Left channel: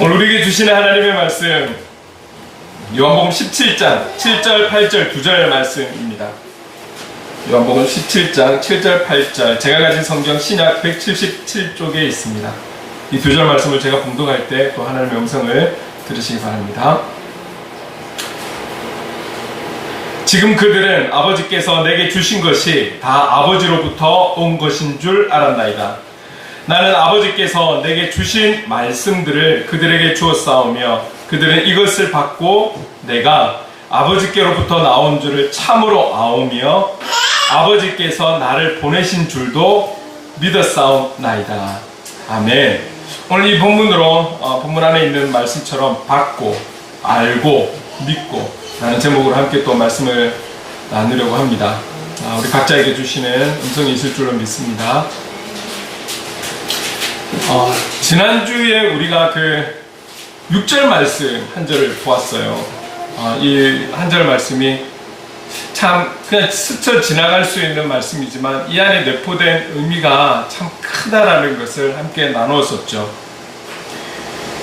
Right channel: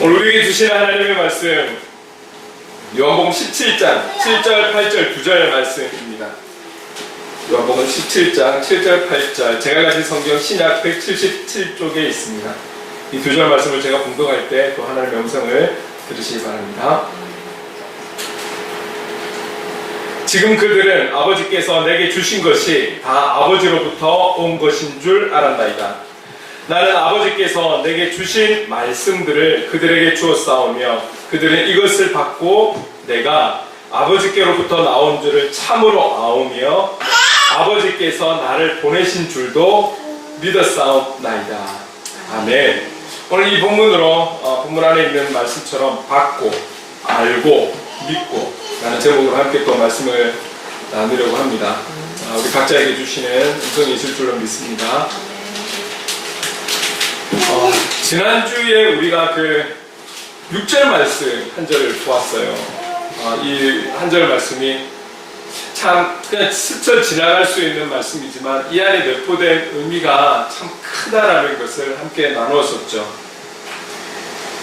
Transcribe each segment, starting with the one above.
오늘 우리에게 주시는 하나님의 말씀 요한복음 17장 7절 8절 9절 말씀입니다. 요한복음 17장 7절 8절 제가 가진 성경 신약 177쪽에 있습니다. 이 두 절 말씀을 제가 봉독할 때 또 하나님의 음성을 들으시기 바랍니다. 지금 그들은 아버지께서 내게 주신 것이 다 아버지로부터 온 것인 줄 알았나이다. 나는 아버지께서 내게 주신 말씀들을 그들에게 주었사오며 그들은 이것을 받고 내가 아버지께로부터 나온 줄을 참으로 아오며 아버지께서 나를 보내신 줄도 믿었사옵나이다. 아멘. 오늘 이 본문으로 본문 안에 있는 말씀처럼 받고 알고 믿고 라는 제목으로 함께 또 말씀을 나누려고 합니다. 우리 각자에게 주시는 음성이 있을 줄로 믿습니다. 지난주에 우리가 그 6절 말씀 한 절을 보았어요. 이 한 절 말씀이 참 그냥 스쳐 지나갈 수 있는 말씀이지만 이 안에 내포된 의미가 참 크다라는 것을 함께 나누었었죠.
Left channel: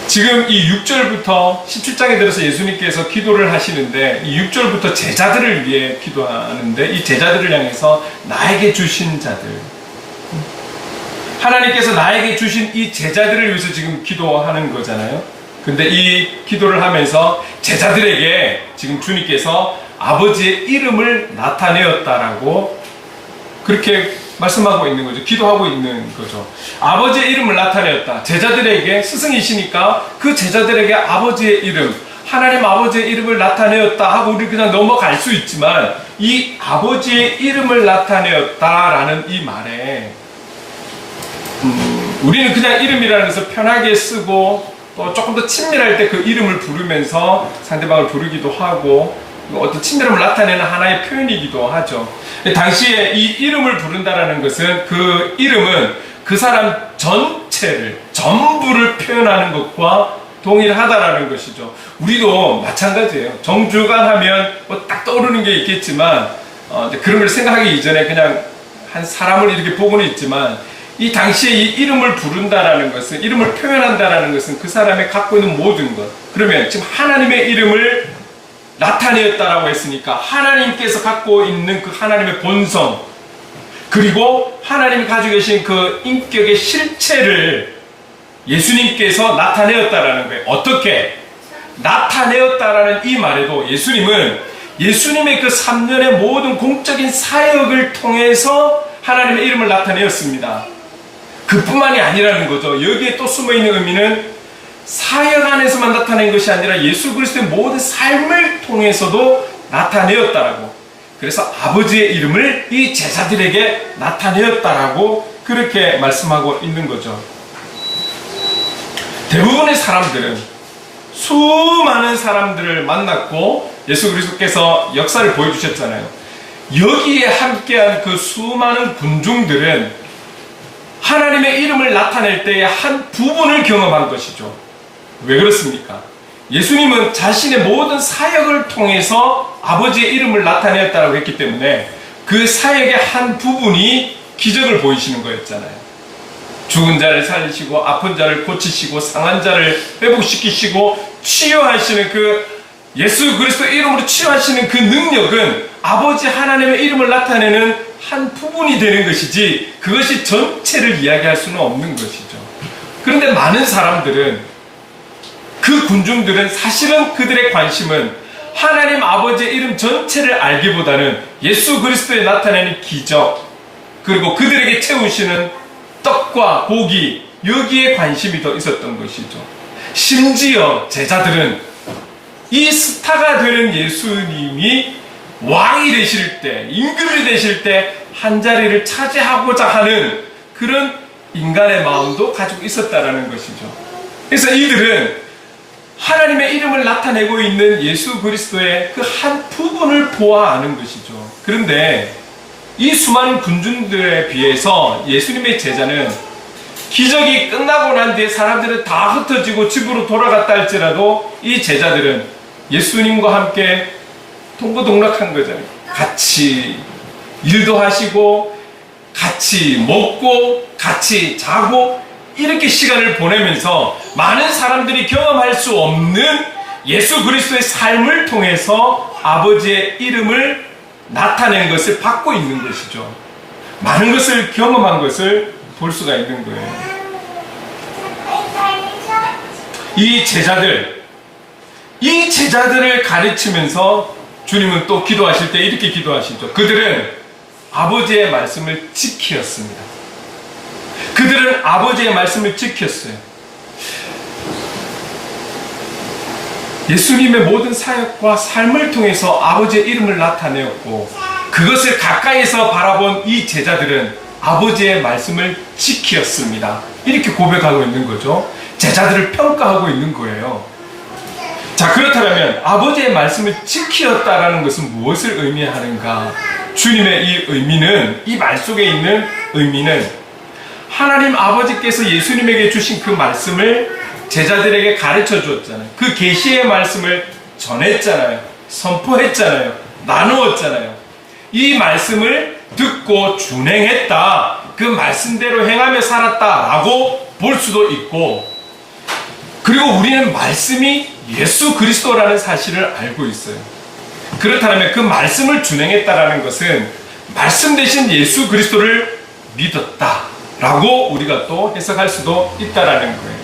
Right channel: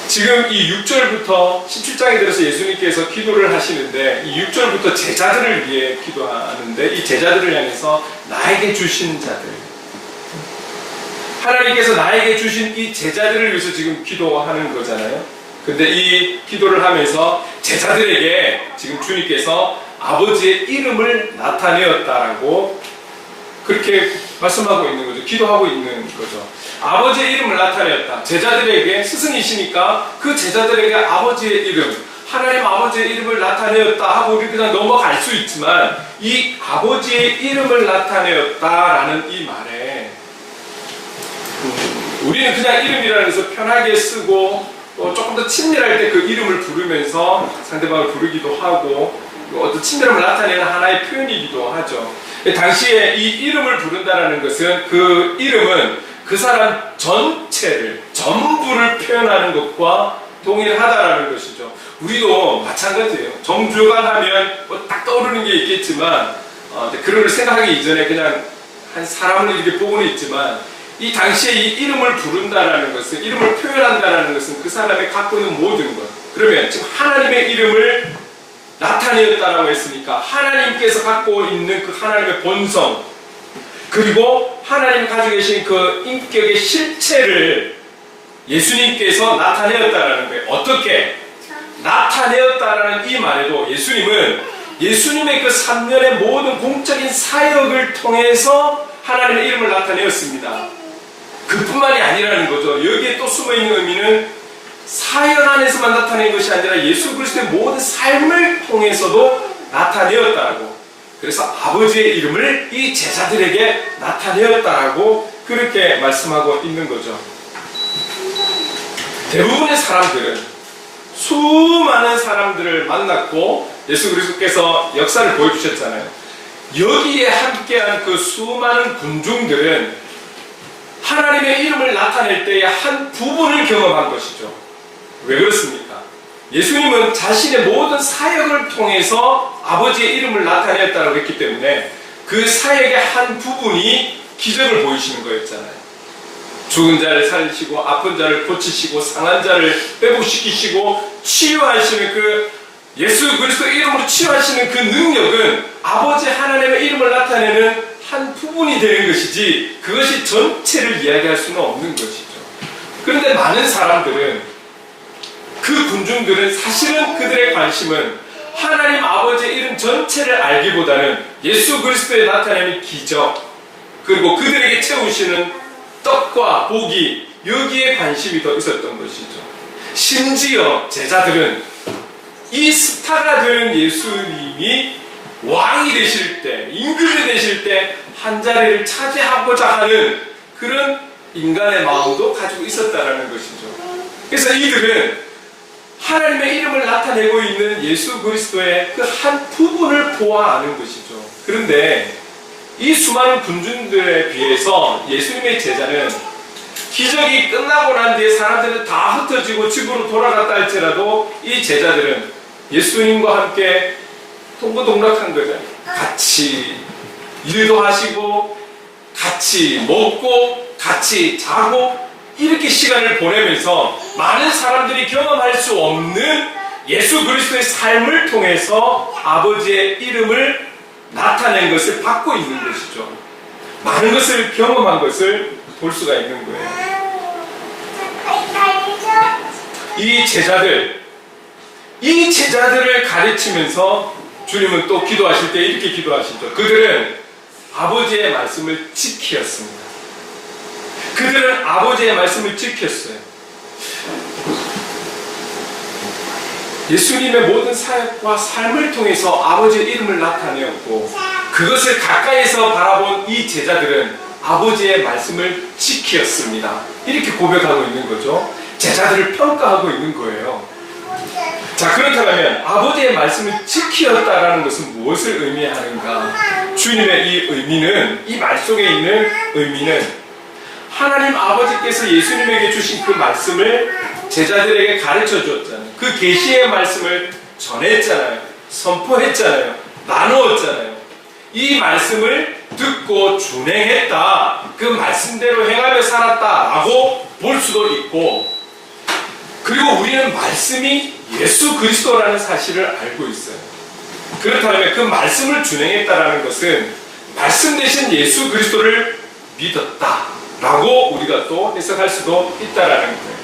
지금 이 6절부터 17장에 들어서 예수님께서 기도를 하시는데 이 6절부터 제자들을 위해 기도하는데 이 제자들을 향해서 나에게 주신 자들, 하나님께서 나에게 주신 이 제자들을 위해서 지금 기도하는 거잖아요. 근데 이 기도를 하면서 제자들에게 지금 주님께서 아버지의 이름을 나타내었다라고 그렇게 말씀하고 있는 거죠. 기도하고 있는 거죠. 아버지의 이름을 나타내었다. 제자들에게 스승이시니까 그 제자들에게 아버지의 이름, 하나님 아버지의 이름을 나타내었다 하고 우리 그냥 넘어갈 수 있지만 이 아버지의 이름을 나타내었다라는 이 말에 우리는 그냥 이름이라는 것을 편하게 쓰고 또 조금 더 친밀할 때 그 이름을 부르면서 상대방을 부르기도 하고 어떤 친밀함을 나타내는 하나의 표현이기도 하죠. 당시에 이 이름을 부른다라는 것은 그 이름은 그 사람 전체를 전부를 표현하는 것과 동일하다라는 것이죠. 우리도 마찬가지예요. 정주가 하면 뭐 딱 떠오르는 게 있겠지만 그런 걸 생각하기 이전에 그냥 한 사람을 이렇게 보고는 있지만 이 당시에 이 이름을 부른다라는 것은, 이름을 표현한다라는 것은 그 사람이 갖고 있는 모든 것. 그러면 지금 하나님의 이름을 나타내었다라고 했으니까 하나님께서 갖고 있는 그 하나님의 본성, 그리고 하나님 가지고 계신 그 인격의 실체를 예수님께서 나타내었다라는 거예요. 어떻게? 나타내었다라는 이 말에도 예수님은 예수님의 그 3년의 모든 공적인 사역을 통해서 하나님의 이름을 나타내었습니다. 그뿐만이 아니라는 거죠. 여기에 또 숨어있는 의미는 사역 안에서만 나타낸 것이 아니라 예수 그리스도의 모든 삶을 통해서도 나타내었다라고. 그래서 아버지의 이름을 이 제자들에게 나타내었다라고 그렇게 말씀하고 있는 거죠. 대부분의 사람들은 수많은 사람들을 만났고 예수 그리스도께서 역사를 보여주셨잖아요. 여기에 함께한 그 수많은 군중들은 하나님의 이름을 나타낼 때의 한 부분을 경험한 것이죠. 왜 그렇습니까? 예수님은 자신의 모든 사역을 통해서 아버지의 이름을 나타냈다고 했기 때문에 그 사역의 한 부분이 기적을 보이시는 거였잖아요. 죽은 자를 살리시고 아픈 자를 고치시고 상한 자를 회복시키시고 치유하시는 그 예수 그리스도 이름으로 치유하시는 그 능력은 아버지 하나님의 이름을 나타내는 한 부분이 되는 것이지 그것이 전체를 이야기할 수는 없는 것이죠. 그런데 많은 사람들은, 그 군중들은 사실은 그들의 관심은 하나님 아버지의 이름 전체를 알기보다는 예수 그리스도에 나타내는 기적, 그리고 그들에게 채우시는 떡과 고기, 여기에 관심이 더 있었던 것이죠. 심지어 제자들은 이 스타가 되는 예수님이 왕이 되실 때, 임금이 되실 때 한 자리를 차지하고자 하는 그런 인간의 마음도 가지고 있었다라는 것이죠. 그래서 이들은 하나님의 이름을 나타내고 있는 예수 그리스도의 그 한 부분을 보아 아는 것이죠. 그런데 이 수많은 군중들에 비해서 예수님의 제자는 기적이 끝나고 난 뒤에 사람들은 다 흩어지고 집으로 돌아갔다 할지라도 이 제자들은 예수님과 함께 동고동락한 거잖아요. 같이 일도 하시고 같이 먹고 같이 자고 이렇게 시간을 보내면서 많은 사람들이 경험할 수 없는 예수 그리스도의 삶을 통해서 아버지의 이름을 나타낸 것을 받고 있는 것이죠. 많은 것을 경험한 것을 볼 수가 있는 거예요. 이 제자들을 가르치면서 주님은 또 기도하실 때 이렇게 기도하시죠. 그들은 아버지의 말씀을 지켰습니다. 그들은 아버지의 말씀을 지켰어요. 예수님의 모든 사역과 삶을 통해서 아버지의 이름을 나타내었고 그것을 가까이서 바라본 이 제자들은 아버지의 말씀을 지켰습니다. 이렇게 고백하고 있는 거죠. 제자들을 평가하고 있는 거예요. 자, 그렇다면 아버지의 말씀을 지켰다라는 것은 무엇을 의미하는가? 주님의 이 의미는, 이 말 속에 있는 의미는 하나님 아버지께서 예수님에게 주신 그 말씀을 제자들에게 가르쳐 주었잖아요. 그 계시의 말씀을 전했잖아요. 선포했잖아요. 나누었잖아요. 이 말씀을 듣고 준행했다. 그 말씀대로 행하며 살았다라고 볼 수도 있고, 그리고 우리는 말씀이 예수 그리스도라는 사실을 알고 있어요. 그렇다면 그 말씀을 준행했다라는 것은 말씀 대신 예수 그리스도를 믿었다라고 우리가 또 해석할 수도 있다라는 거예요.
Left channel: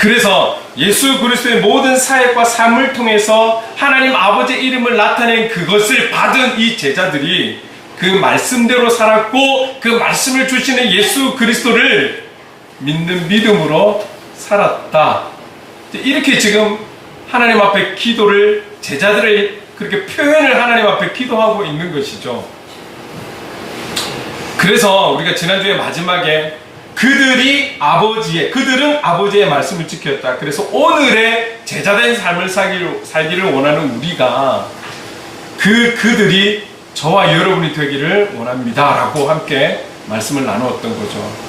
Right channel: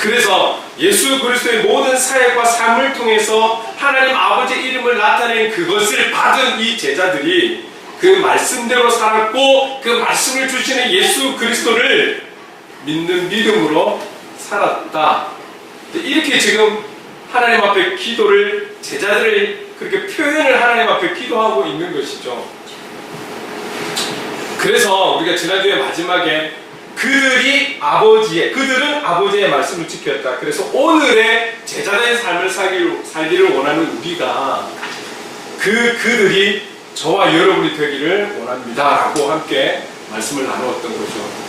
그래서 예수 그리스도의 모든 사역과 삶을 통해서 하나님 아버지의 이름을 나타낸 그것을 받은 이 제자들이 그 말씀대로 살았고 그 말씀을 주시는 예수 그리스도를 믿는 믿음으로 살았다. 이렇게 지금 하나님 앞에 기도를, 제자들을 그렇게 표현을 하나님 앞에 기도하고 있는 것이죠. 그래서 우리가 지난주에 마지막에 그들은 아버지의 말씀을 지켰다. 그래서 오늘의 제자된 삶을 살기를 원하는 우리가 그들이 저와 여러분이 되기를 원합니다. 라고 함께 말씀을 나누었던 거죠.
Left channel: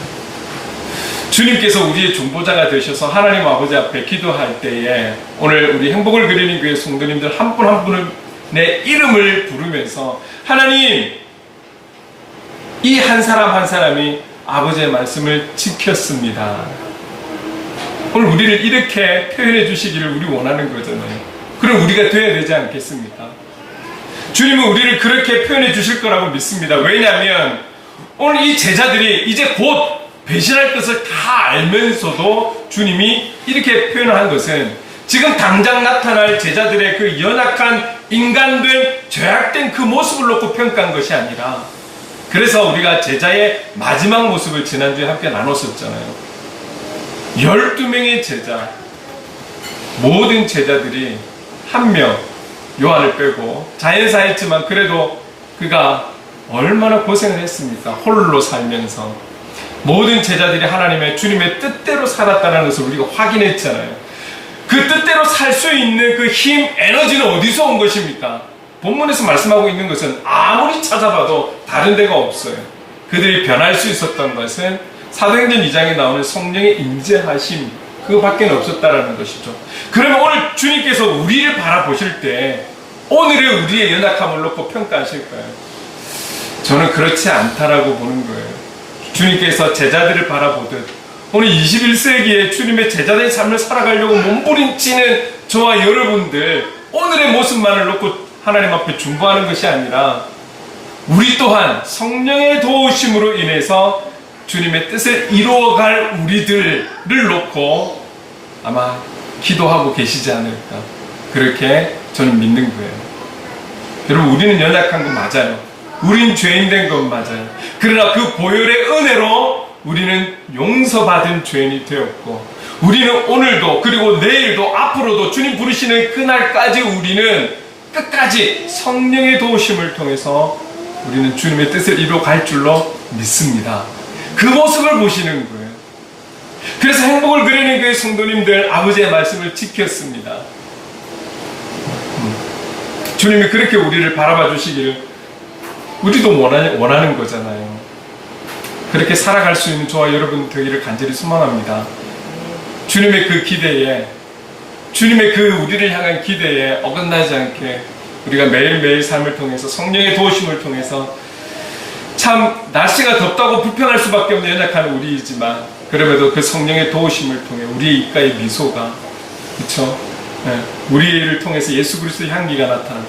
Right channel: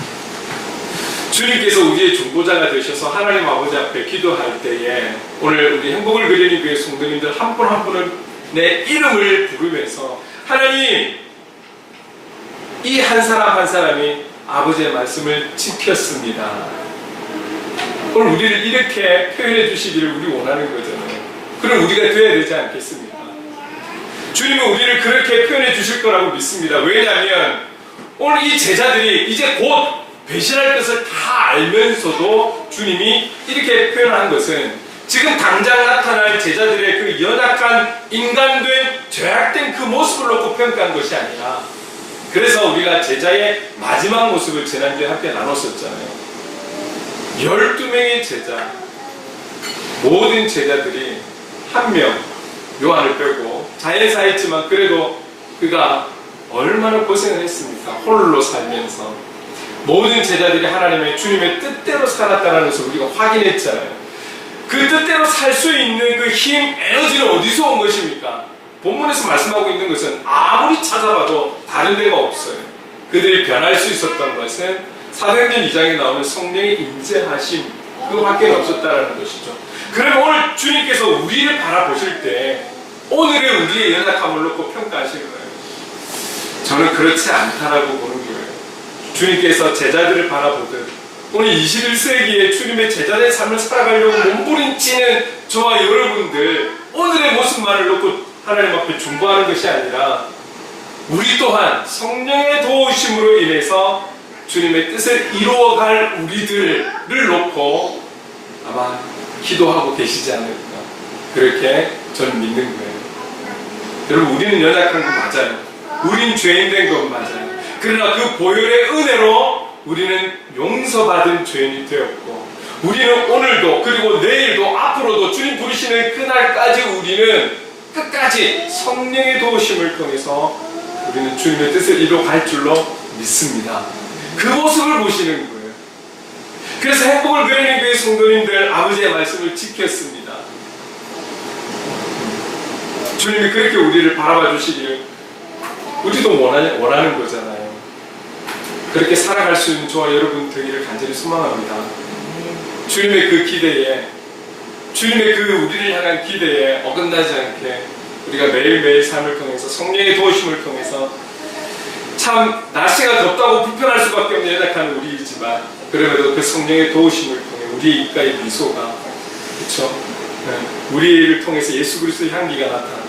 주님께서 우리의 중보자가 되셔서 하나님 아버지 앞에 기도할 때에 오늘 우리 행복을 그리는 교회 성도님들 한 분 한 분은 내 이름을 부르면서 하나님, 이 한 사람 한 사람이 아버지의 말씀을 지켰습니다. 오늘 우리를 이렇게 표현해 주시기를 우리 원하는 거잖아요. 그럼 우리가 돼야 되지 않겠습니까? 주님은 우리를 그렇게 표현해 주실 거라고 믿습니다. 왜냐하면 오늘 이 제자들이 이제 곧 배신할 것을 다 알면서도 주님이 이렇게 표현한 것은 지금 당장 나타날 제자들의 그 연약한 인간된 죄악된 그 모습을 놓고 평가한 것이 아니라, 그래서 우리가 제자의 마지막 모습을 지난주에 함께 나눴었잖아요. 12명의 제자, 모든 제자들이 한 명, 요한을 빼고 자연사했지만 그래도 그가 얼마나 고생을 했습니까? 홀로 살면서 모든 제자들이 하나님의 주님의 뜻대로 살았다는 것을 우리가 확인했잖아요. 그 뜻대로 살 수 있는 그 힘, 에너지는 어디서 온 것입니까? 본문에서 말씀하고 있는 것은 아무리 찾아봐도 다른 데가 없어요. 그들이 변할 수 있었던 것은 사도행전 2장에 나오는 성령의 임재하심, 그거밖에 없었다라는 것이죠. 그러면 오늘 주님께서 우리를 바라보실 때 오늘은 우리의 연약함을 놓고 평가하실까요? 저는 그렇지 않다라고 보는 거예요. 주님께서 제자들을 바라보듯 오늘 21세기에 주님의 제자된 삶을 살아가려고 몸부림치는 저와 여러분들, 오늘의 모습만을 놓고 하나님 앞에 중보하는 것이 아니라 우리 또한 성령의 도우심으로 인해서 주님의 뜻을 이루어갈 우리들을 놓고 아마 기도하고 계시지 않을까, 그렇게 저는 믿는 거예요. 여러분, 우리는 연약한 건 맞아요. 우린 죄인된 건 맞아요. 그러나 그 보혈의 은혜로 우리는 용서받은 죄인이 되었고, 우리는 오늘도 그리고 내일도 앞으로도 주님 부르시는 그날까지 우리는 끝까지 성령의 도우심을 통해서 우리는 주님의 뜻을 이루어갈 줄로 믿습니다. 그 모습을 보시는 거예요. 그래서 행복을 그리는 교회 성도님들, 아버지의 말씀을 지켰습니다. 주님이 그렇게 우리를 바라봐 주시기를 우리도 원하는 거잖아요. 그렇게 살아갈 수 있는 저와 여러분 되기를 간절히 소망합니다. 주님의 그 기대에, 주님의 그 우리를 향한 기대에 어긋나지 않게 우리가 매일매일 삶을 통해서 성령의 도우심을 통해서, 참 날씨가 덥다고 불평할 수밖에 없는 연약한 우리이지만 그럼에도 그 성령의 도우심을 통해 우리의 입가의 미소가, 그쵸? 우리를 통해서 예수 그리스도의 향기가 나타나고,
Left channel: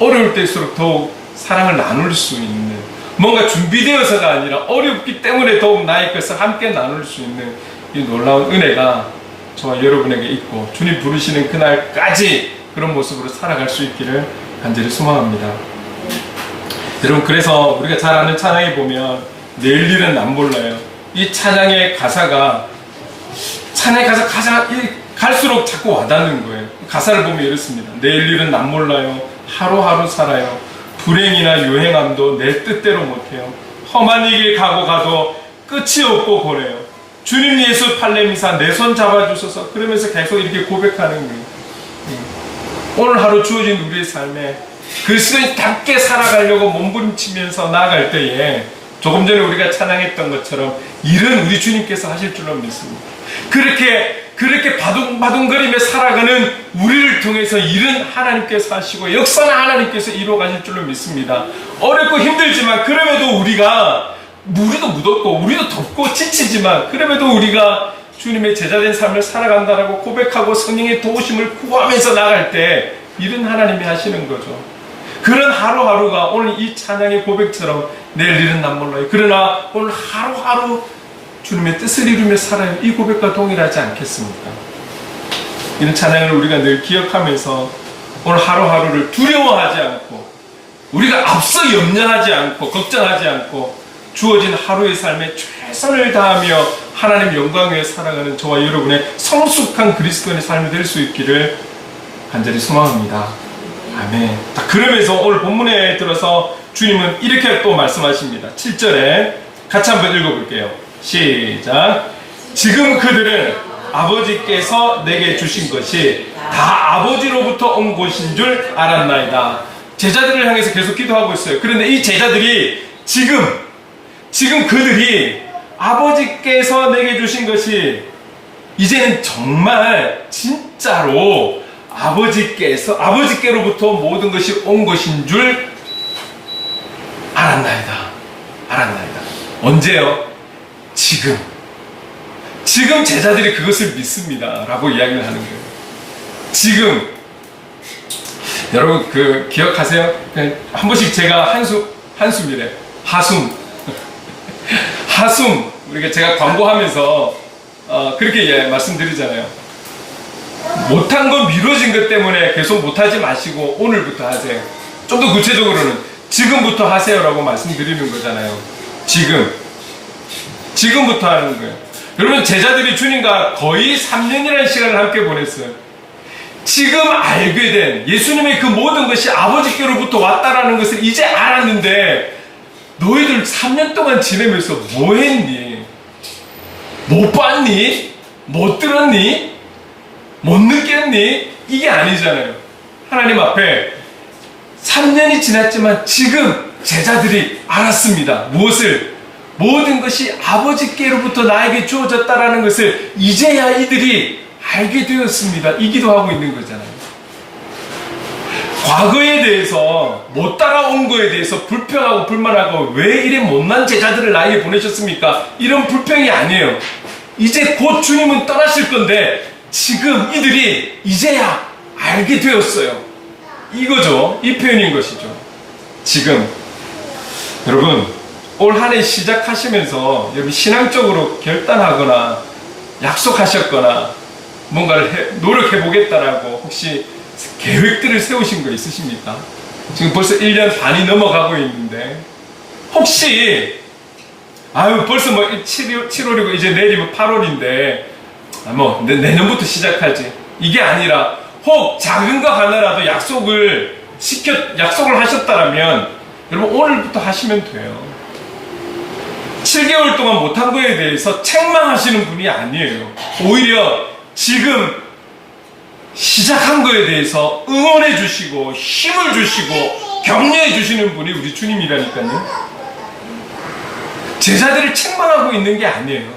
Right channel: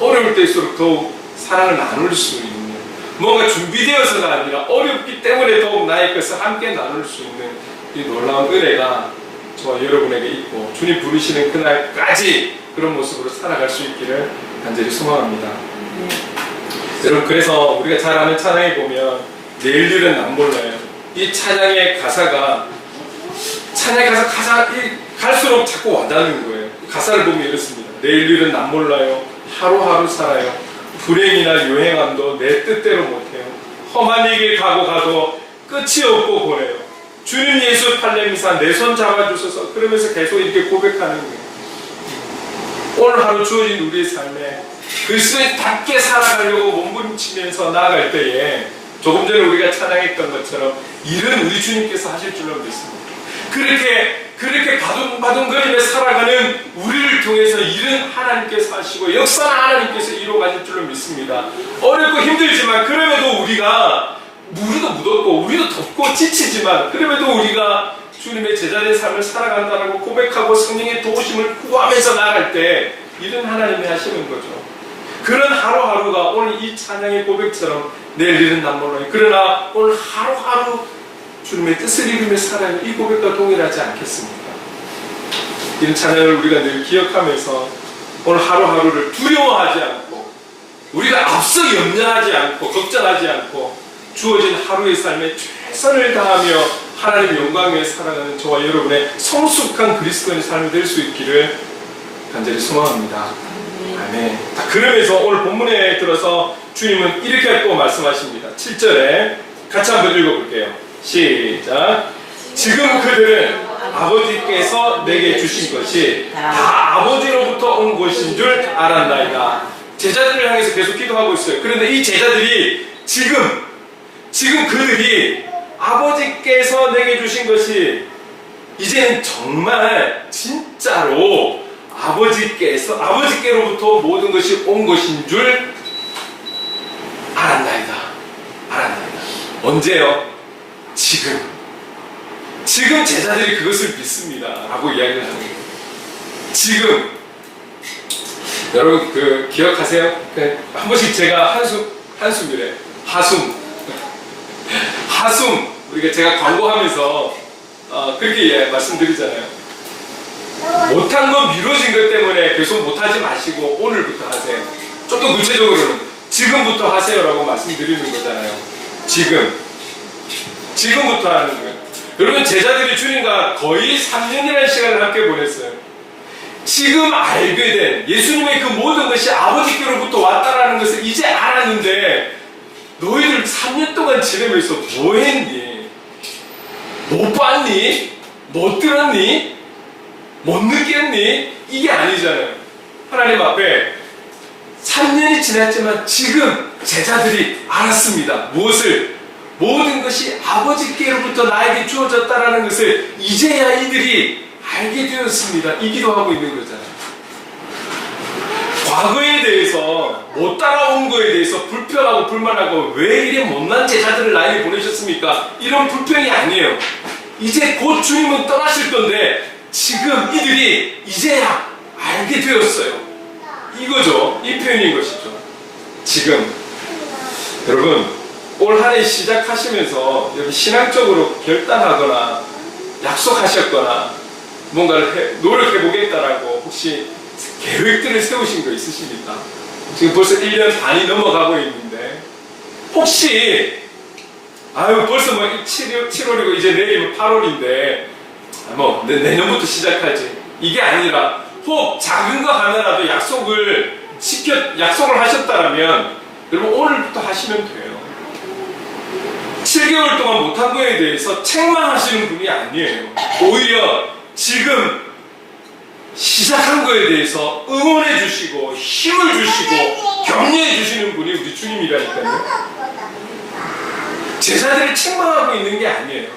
어려울 때일수록 더욱 사랑을 나눌 수 있는, 뭔가 준비되어서가 아니라 어렵기 때문에 더욱 나의 것을 함께 나눌 수 있는 이 놀라운 은혜가 저와 여러분에게 있고, 주님 부르시는 그날까지 그런 모습으로 살아갈 수 있기를 간절히 소망합니다. 여러분, 그래서 우리가 잘 아는 찬양에 보면 내일 일은 안 몰라요. 이 찬양의 가사가, 찬양의 가사 갈수록 자꾸 와닿는 거예요. 가사를 보면 이렇습니다. 내일 일은 안 몰라요. 하루하루 살아요. 불행이나 유행함도 내 뜻대로 못해요. 험한 길 가고 가도 끝이 없고 보내요. 주님 예수 팔레미사 내 손 잡아주셔서, 그러면서 계속 이렇게 고백하는 거예요. 오늘 하루 주어진 우리의 삶에 그리스도인답게 살아가려고 몸부림치면서 나아갈 때에, 조금 전에 우리가 찬양했던 것처럼 일은 우리 주님께서 하실 줄로 믿습니다. 그렇게 바둥바둥거리며 살아가는 우리를 통해서 일은 하나님께서 하시고 역사는 하나님께서 이루어가실 줄로 믿습니다. 어렵고 힘들지만, 그럼에도 우리가 우리도 무덥고 우리도 덥고 지치지만, 그럼에도 우리가 주님의 제자된 삶을 살아간다라고 고백하고 성령의 도우심을 구하면서 나갈 때 일은 하나님이 하시는 거죠. 그런 하루하루가 오늘 이 찬양의 고백처럼 내일 일은 난 몰라요. 그러나 오늘 하루하루 주님의 뜻을 이루며 살아요. 이 고백과 동일하지 않겠습니까? 이런 찬양을 우리가 늘 기억하면서 오늘 하루하루를 두려워하지 않고, 우리가 앞서 염려하지 않고 걱정하지 않고 주어진 하루의 삶에 최선을 다하며 하나님의 영광 위에 살아가는 저와 여러분의 성숙한 그리스도인의 삶이 될 수 있기를 간절히 소망합니다. 아멘. 그러면서 오늘 본문에 들어서 주님은 이렇게 또 말씀하십니다. 7절에 같이 한번 읽어볼게요. 시작. 지금 그들은 아버지께서 내게 주신 것이 다 아버지로부터 온 것인 줄 알았나이다. 제자들을 향해서 계속 기도하고 있어요. 그런데 이 제자들이 지금 그들이 아버지께서 내게 주신 것이 이제는 정말 진짜로 아버지께로부터 모든 것이 온 것인 줄 알았나이다. 언제요? 지금 제자들이 그것을 믿습니다 라고 이야기를 하는 거예요. 지금 여러분 기억하세요? 한 번씩 제가 한숨이래. 하숨 우리가 제가 광고하면서 그렇게 말씀드리잖아요. 못한 거, 미뤄진 것 때문에 계속 못하지 마시고 오늘부터 하세요. 좀 더 구체적으로는 지금부터 하세요라고 말씀드리는 거잖아요. 지금부터 하는 거예요. 여러분, 제자들이 주님과 거의 3년이라는 시간을 함께 보냈어요. 지금 알게 된 예수님의 그 모든 것이 아버지께로부터 왔다라는 것을 이제 알았는데, 너희들 3년 동안 지내면서 뭐 했니? 못 봤니? 못 들었니? 못 느꼈니? 이게 아니잖아요. 하나님 앞에 3년이 지났지만 지금 제자들이 알았습니다. 무엇을? 모든 것이 아버지께로부터 나에게 주어졌다라는 것을 이제야 이들이 알게 되었습니다. 이 기도하고 있는 거잖아요. 과거에 대해서 못 따라온 거에 대해서 불평하고 불만하고 왜 이래 못난 제자들을 나에게 보내셨습니까? 이런 불평이 아니에요. 이제 곧 주님은 떠나실 건데 지금 이들이 이제야 알게 되었어요. 이거죠. 이 표현인 것이죠. 지금 여러분, 올 한 해 시작하시면서 여러분 신앙적으로 결단하거나 약속하셨거나 뭔가를 노력해 보겠다라고 혹시 계획들을 세우신 거 있으십니까? 지금 벌써 1년 반이 넘어가고 있는데 혹시 벌써 7월이고 이제 내일이면 8월인데 내년부터 시작하지, 이게 아니라 혹 작은 거 하나라도 약속을 하셨다라면 여러분 오늘부터 하시면 돼요. 7개월 동안 못한 거에 대해서 책망하시는 분이 아니에요. 오히려 지금 시작한 거에 대해서 응원해 주시고 힘을 주시고 격려해 주시는 분이 우리 주님이라니까요. 제자들을 책망하고 있는 게 아니에요.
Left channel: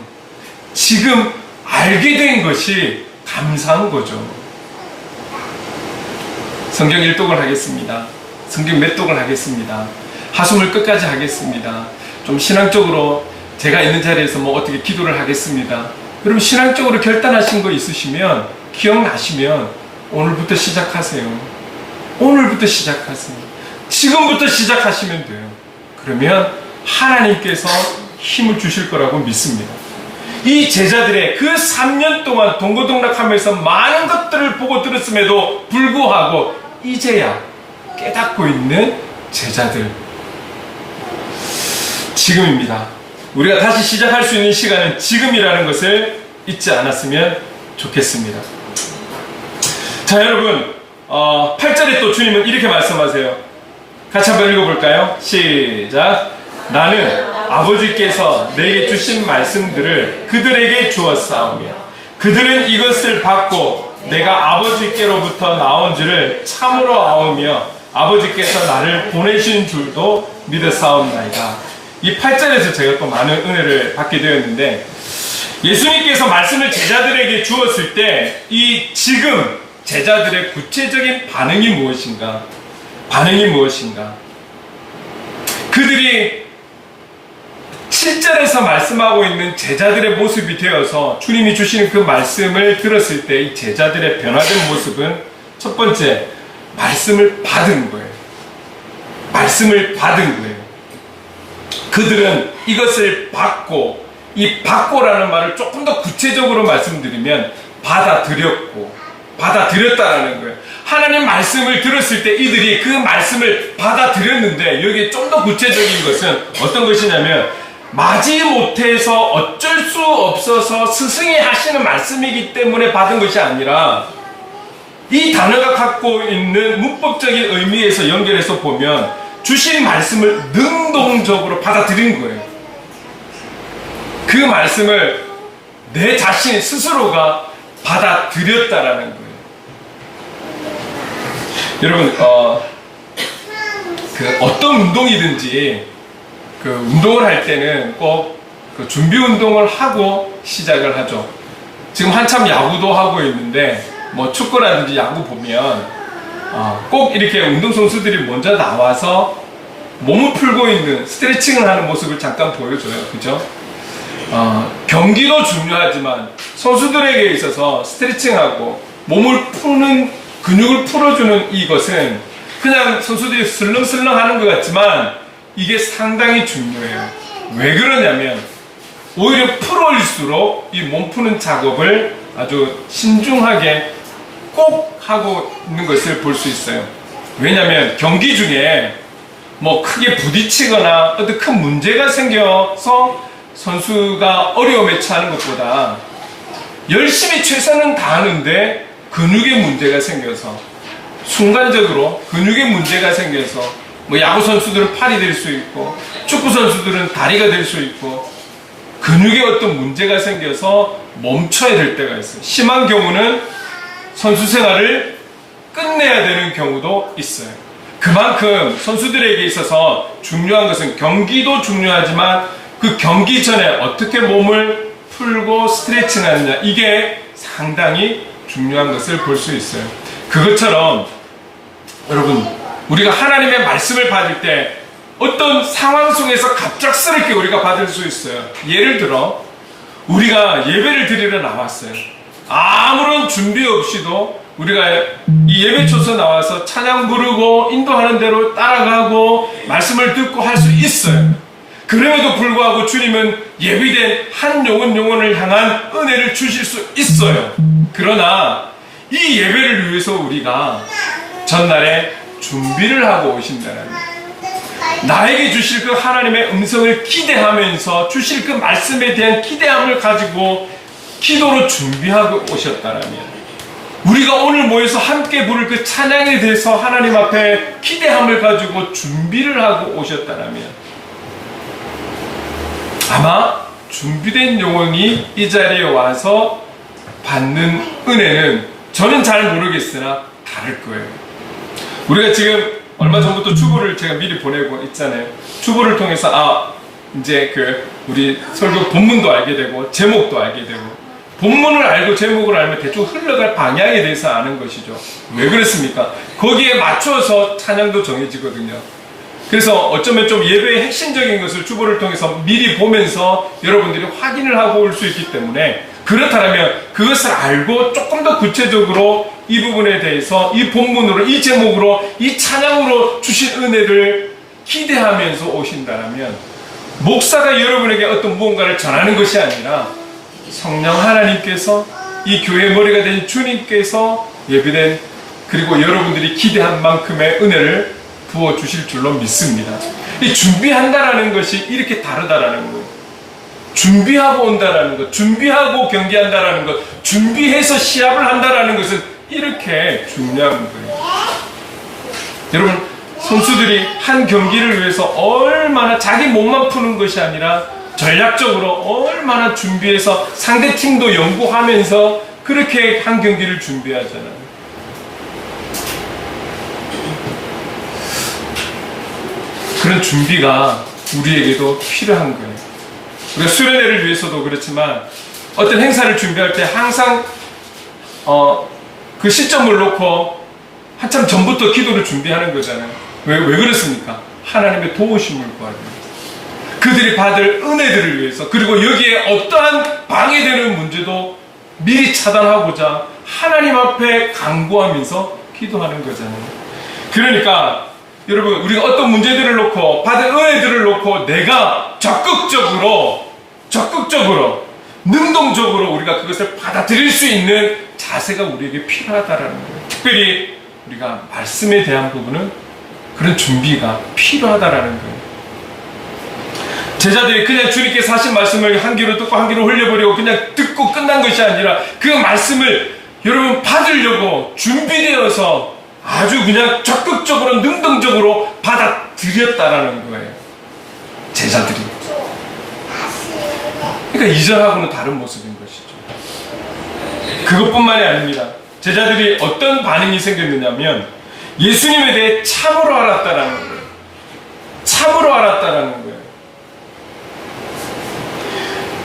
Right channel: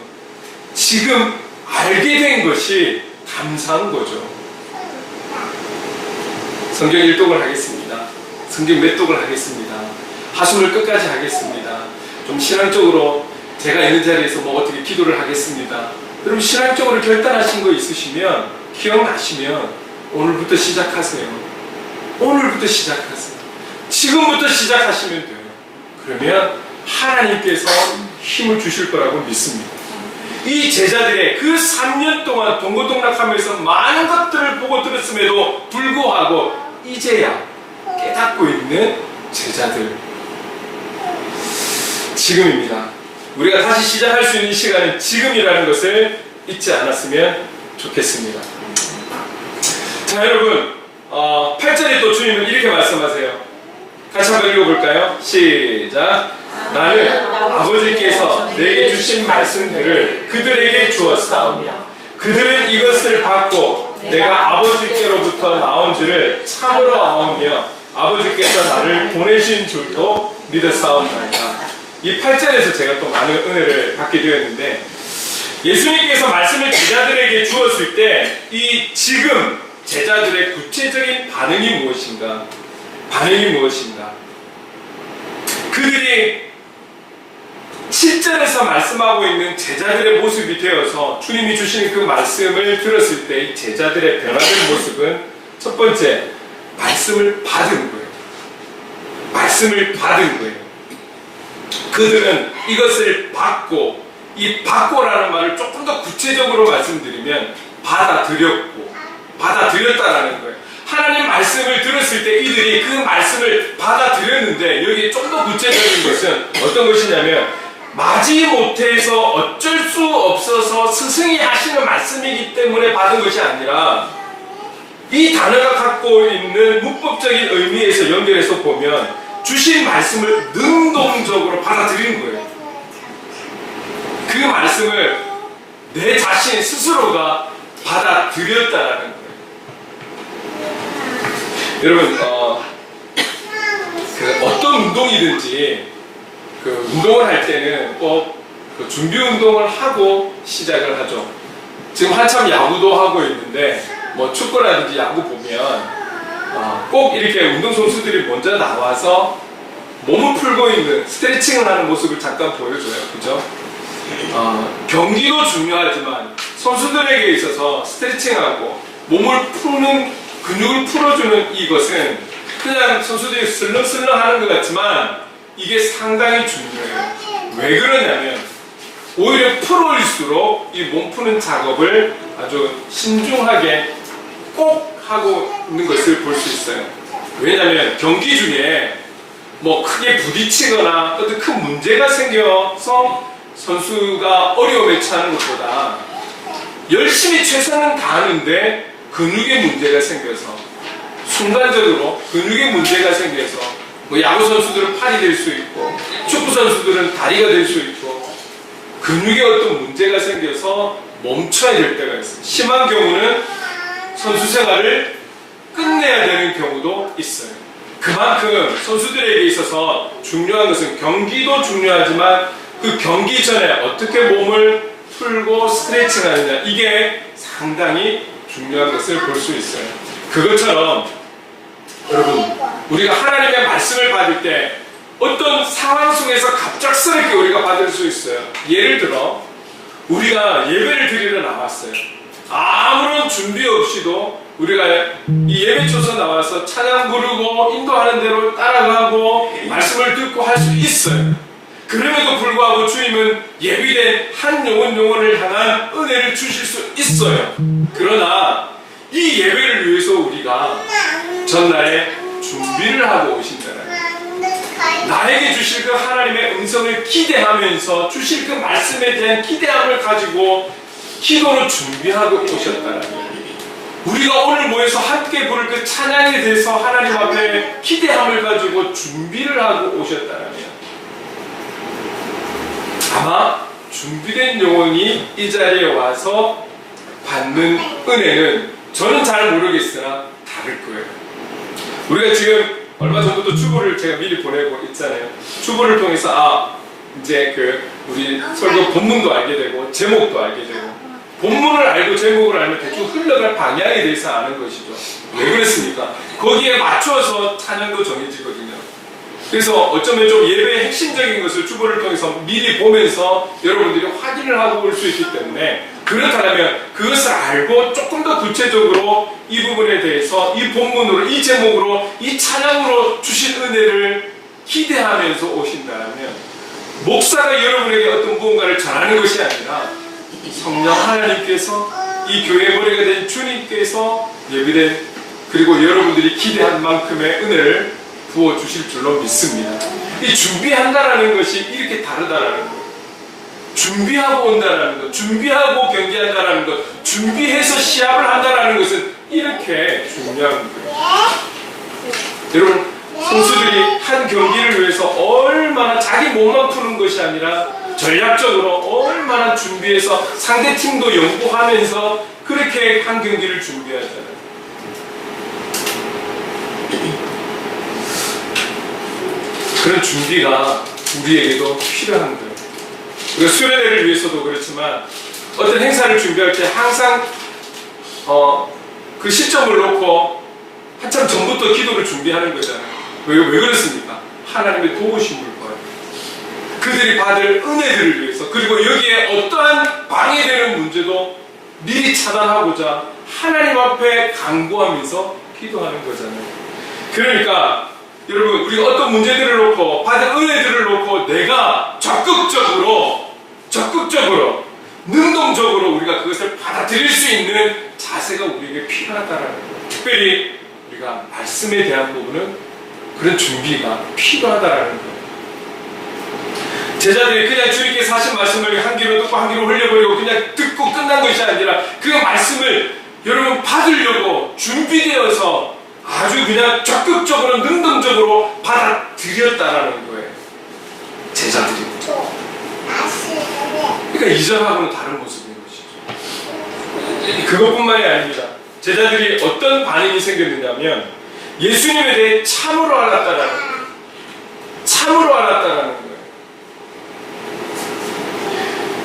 지금 알게 된 것이 감사한 거죠. 성경 1독을 하겠습니다. 성경 몇 독을 하겠습니다. 하숨을 끝까지 하겠습니다. 좀 신앙적으로 제가 있는 자리에서 뭐 어떻게 기도를 하겠습니다. 여러분 신앙적으로 결단하신 거 있으시면 기억나시면 오늘부터 시작하세요. 오늘부터 시작하세요. 지금부터 시작하시면 돼요. 그러면 하나님께서 힘을 주실 거라고 믿습니다. 이 제자들의 그 3년 동안 동고동락하면서 많은 것들을 보고 들었음에도 불구하고 이제야 깨닫고 있는 제자들. 지금입니다. 우리가 다시 시작할 수 있는 시간은 지금이라는 것을 잊지 않았으면 좋겠습니다. 자, 여러분 8절에 또 주님은 이렇게 말씀하세요. 같이 한번 읽어볼까요? 시작. 나는 아버지께서 내게 주신 말씀들을 그들에게 주었사오며 그들은 이것을 받고 내가 아버지께로부터 나온 줄을 참으로 아오며 아버지께서 나를 보내신 줄도 믿었사옵나이다. 이 8절에서 제가 또 많은 은혜를 받게 되었는데, 예수님께서 말씀을 제자들에게 주었을 때 이 지금 제자들의 구체적인 반응이 무엇인가? 반응이 무엇인가? 그들이 7절에서 말씀하고 있는 제자들의 모습이 되어서 주님이 주시는 그 말씀을 들었을 때 이 제자들의 변화된 모습은 첫 번째, 말씀을 받은 거예요. 말씀을 받은 거예요. 그들은 이것을 받고, 이 받고라는 말을 조금 더 구체적으로 말씀드리면 받아들였고, 받아들였다라는 거예요. 하나님 말씀을 들었을 때 이들이 그 말씀을 받아들였는데, 여기에 좀 더 구체적인 것은 어떤 것이냐면, 마지 못해서 어쩔 수 없어서 스승이 하시는 말씀이기 때문에 받은 것이 아니라, 이 단어가 갖고 있는 문법적인 의미에서 연결해서 보면 주신 말씀을 능동적으로 받아들인 거예요. 그 말씀을 내 자신 스스로가 받아들였다라는 거예요. 여러분, 어떤 운동이든지 그 운동을 할 때는 꼭 그 준비 운동을 하고 시작을 하죠. 지금 한참 야구도 하고 있는데 뭐 축구라든지 야구 보면 꼭 이렇게 운동선수들이 먼저 나와서 몸을 풀고 있는 스트레칭을 하는 모습을 잠깐 보여줘요. 그죠? 경기도 중요하지만 선수들에게 있어서 스트레칭하고 몸을 푸는, 근육을 풀어주는 이것은 그냥 선수들이 슬렁슬렁 하는 것 같지만 이게 상당히 중요해요. 왜 그러냐면 오히려 풀어일수록 이 몸 푸는 작업을 아주 신중하게 꼭 하고 있는 것을 볼 수 있어요. 왜냐하면 경기 중에 뭐 크게 부딪히거나 어떤 큰 문제가 생겨서 선수가 어려움에 처하는 것보다 열심히 최선은 다하는데 근육에 문제가 생겨서, 순간적으로 근육에 문제가 생겨서 뭐 야구 선수들은 팔이 될 수 있고 축구 선수들은 다리가 될 수 있고 근육에 어떤 문제가 생겨서 멈춰야 될 때가 있어요. 심한 경우는 선수 생활을 끝내야 되는 경우도 있어요. 그만큼 선수들에게 있어서 중요한 것은 경기도 중요하지만 그 경기 전에 어떻게 몸을 풀고 스트레칭 하느냐, 이게 상당히 중요한 것을 볼 수 있어요. 그것처럼 여러분, 우리가 하나님의 말씀을 받을 때 어떤 상황 속에서 갑작스럽게 우리가 받을 수 있어요. 예를 들어 우리가 예배를 드리러 나왔어요. 아무런 준비 없이도 우리가 이 예배초소 나와서 찬양 부르고 인도하는 대로 따라가고 말씀을 듣고 할 수 있어요. 그럼에도 불구하고 주님은 예비된 한 영혼을 향한 은혜를 주실 수 있어요. 그러나 이 예배를 위해서 우리가 전날에 준비를 하고 오신다는 거예요. 나에게 주실 그 하나님의 음성을 기대하면서 주실 그 말씀에 대한 기대함을 가지고 기도로 준비하고 오셨다라면, 우리가 오늘 모여서 함께 부를 그 찬양에 대해서 하나님 앞에 기대함을 가지고 준비를 하고 오셨다라면, 아마 준비된 영혼이 이 자리에 와서 받는 은혜는 저는 잘 모르겠으나 다를 거예요. 우리가 지금 얼마 전부터 주보를 제가 미리 보내고 있잖아요. 주보를 통해서 이제 우리 설교 본문도 알게 되고 제목도 알게 되고, 본문을 알고 제목을 알면 대충 흘러갈 방향에 대해서 아는 것이죠. 왜 그랬습니까? 거기에 맞춰서 찬양도 정해지거든요. 그래서 어쩌면 좀 예배의 핵심적인 것을 주보를 통해서 미리 보면서 여러분들이 확인을 하고 올 수 있기 때문에, 그렇다면 그것을 알고 조금 더 구체적으로 이 부분에 대해서 이 본문으로, 이 제목으로, 이 찬양으로 주신 은혜를 기대하면서 오신다면, 목사가 여러분에게 어떤 무언가를 전하는 것이 아니라 성령 하나님께서, 이 교회의 머리가 된 주님께서 예비된, 그리고 여러분들이 기대한 만큼의 은혜를 부어주실 줄로 믿습니다. 이 준비한다라는 것이 이렇게 다르다라는 거예요. 준비하고 온다라는 것, 준비하고 경기한다라는 것, 준비해서 시합을 한다라는 것은 이렇게 중요한 거예요. 여러분, 선수들이 한 경기를 위해서 얼마나 자기 몸만 푸는 것이 아니라 전략적으로 얼마나 준비해서 상대 팀도 연구하면서 그렇게 한 경기를 준비하잖아요. 그런 준비가 우리에게도 필요한 거예요. 우리가 수련회를 위해서도 그렇지만 어떤 행사를 준비할 때 항상 그 시점을 놓고 한참 전부터 기도를 준비하는 거잖아요. 왜 그렇습니까? 하나님의 도우심을 구하는 거예요. 그들이 받을 은혜들을 위해서, 그리고 여기에 어떠한 방해되는 문제도 미리 차단하고자 하나님 앞에 간구하면서 기도하는 거잖아요. 그러니까 여러분, 우리가 어떤 문제들을 놓고 받은 은혜들을 놓고 내가 적극적으로 능동적으로 우리가 그것을 받아들일 수 있는 자세가 우리에게 필요하다라는 거예요. 특별히 우리가 말씀에 대한 부분은 그런 준비가 필요하다라는 거예요. 제자들이 그냥 주님께서 하신 말씀을 한 귀로 듣고 한 귀로 흘려버리고 그냥 듣고 끝난 것이 아니라 그 말씀을 여러분 받으려고 준비되어서 아주 그냥 적극적으로 능동적으로 받아들였다라는 거예요. 제자들이. 그러니까 이전하고는 다른 모습인 것이죠. 그것뿐만이 아닙니다. 제자들이 어떤 반응이 생겼느냐면 예수님에 대해 참으로 알았다라는 거예요. 참으로 알았다라는 거예요.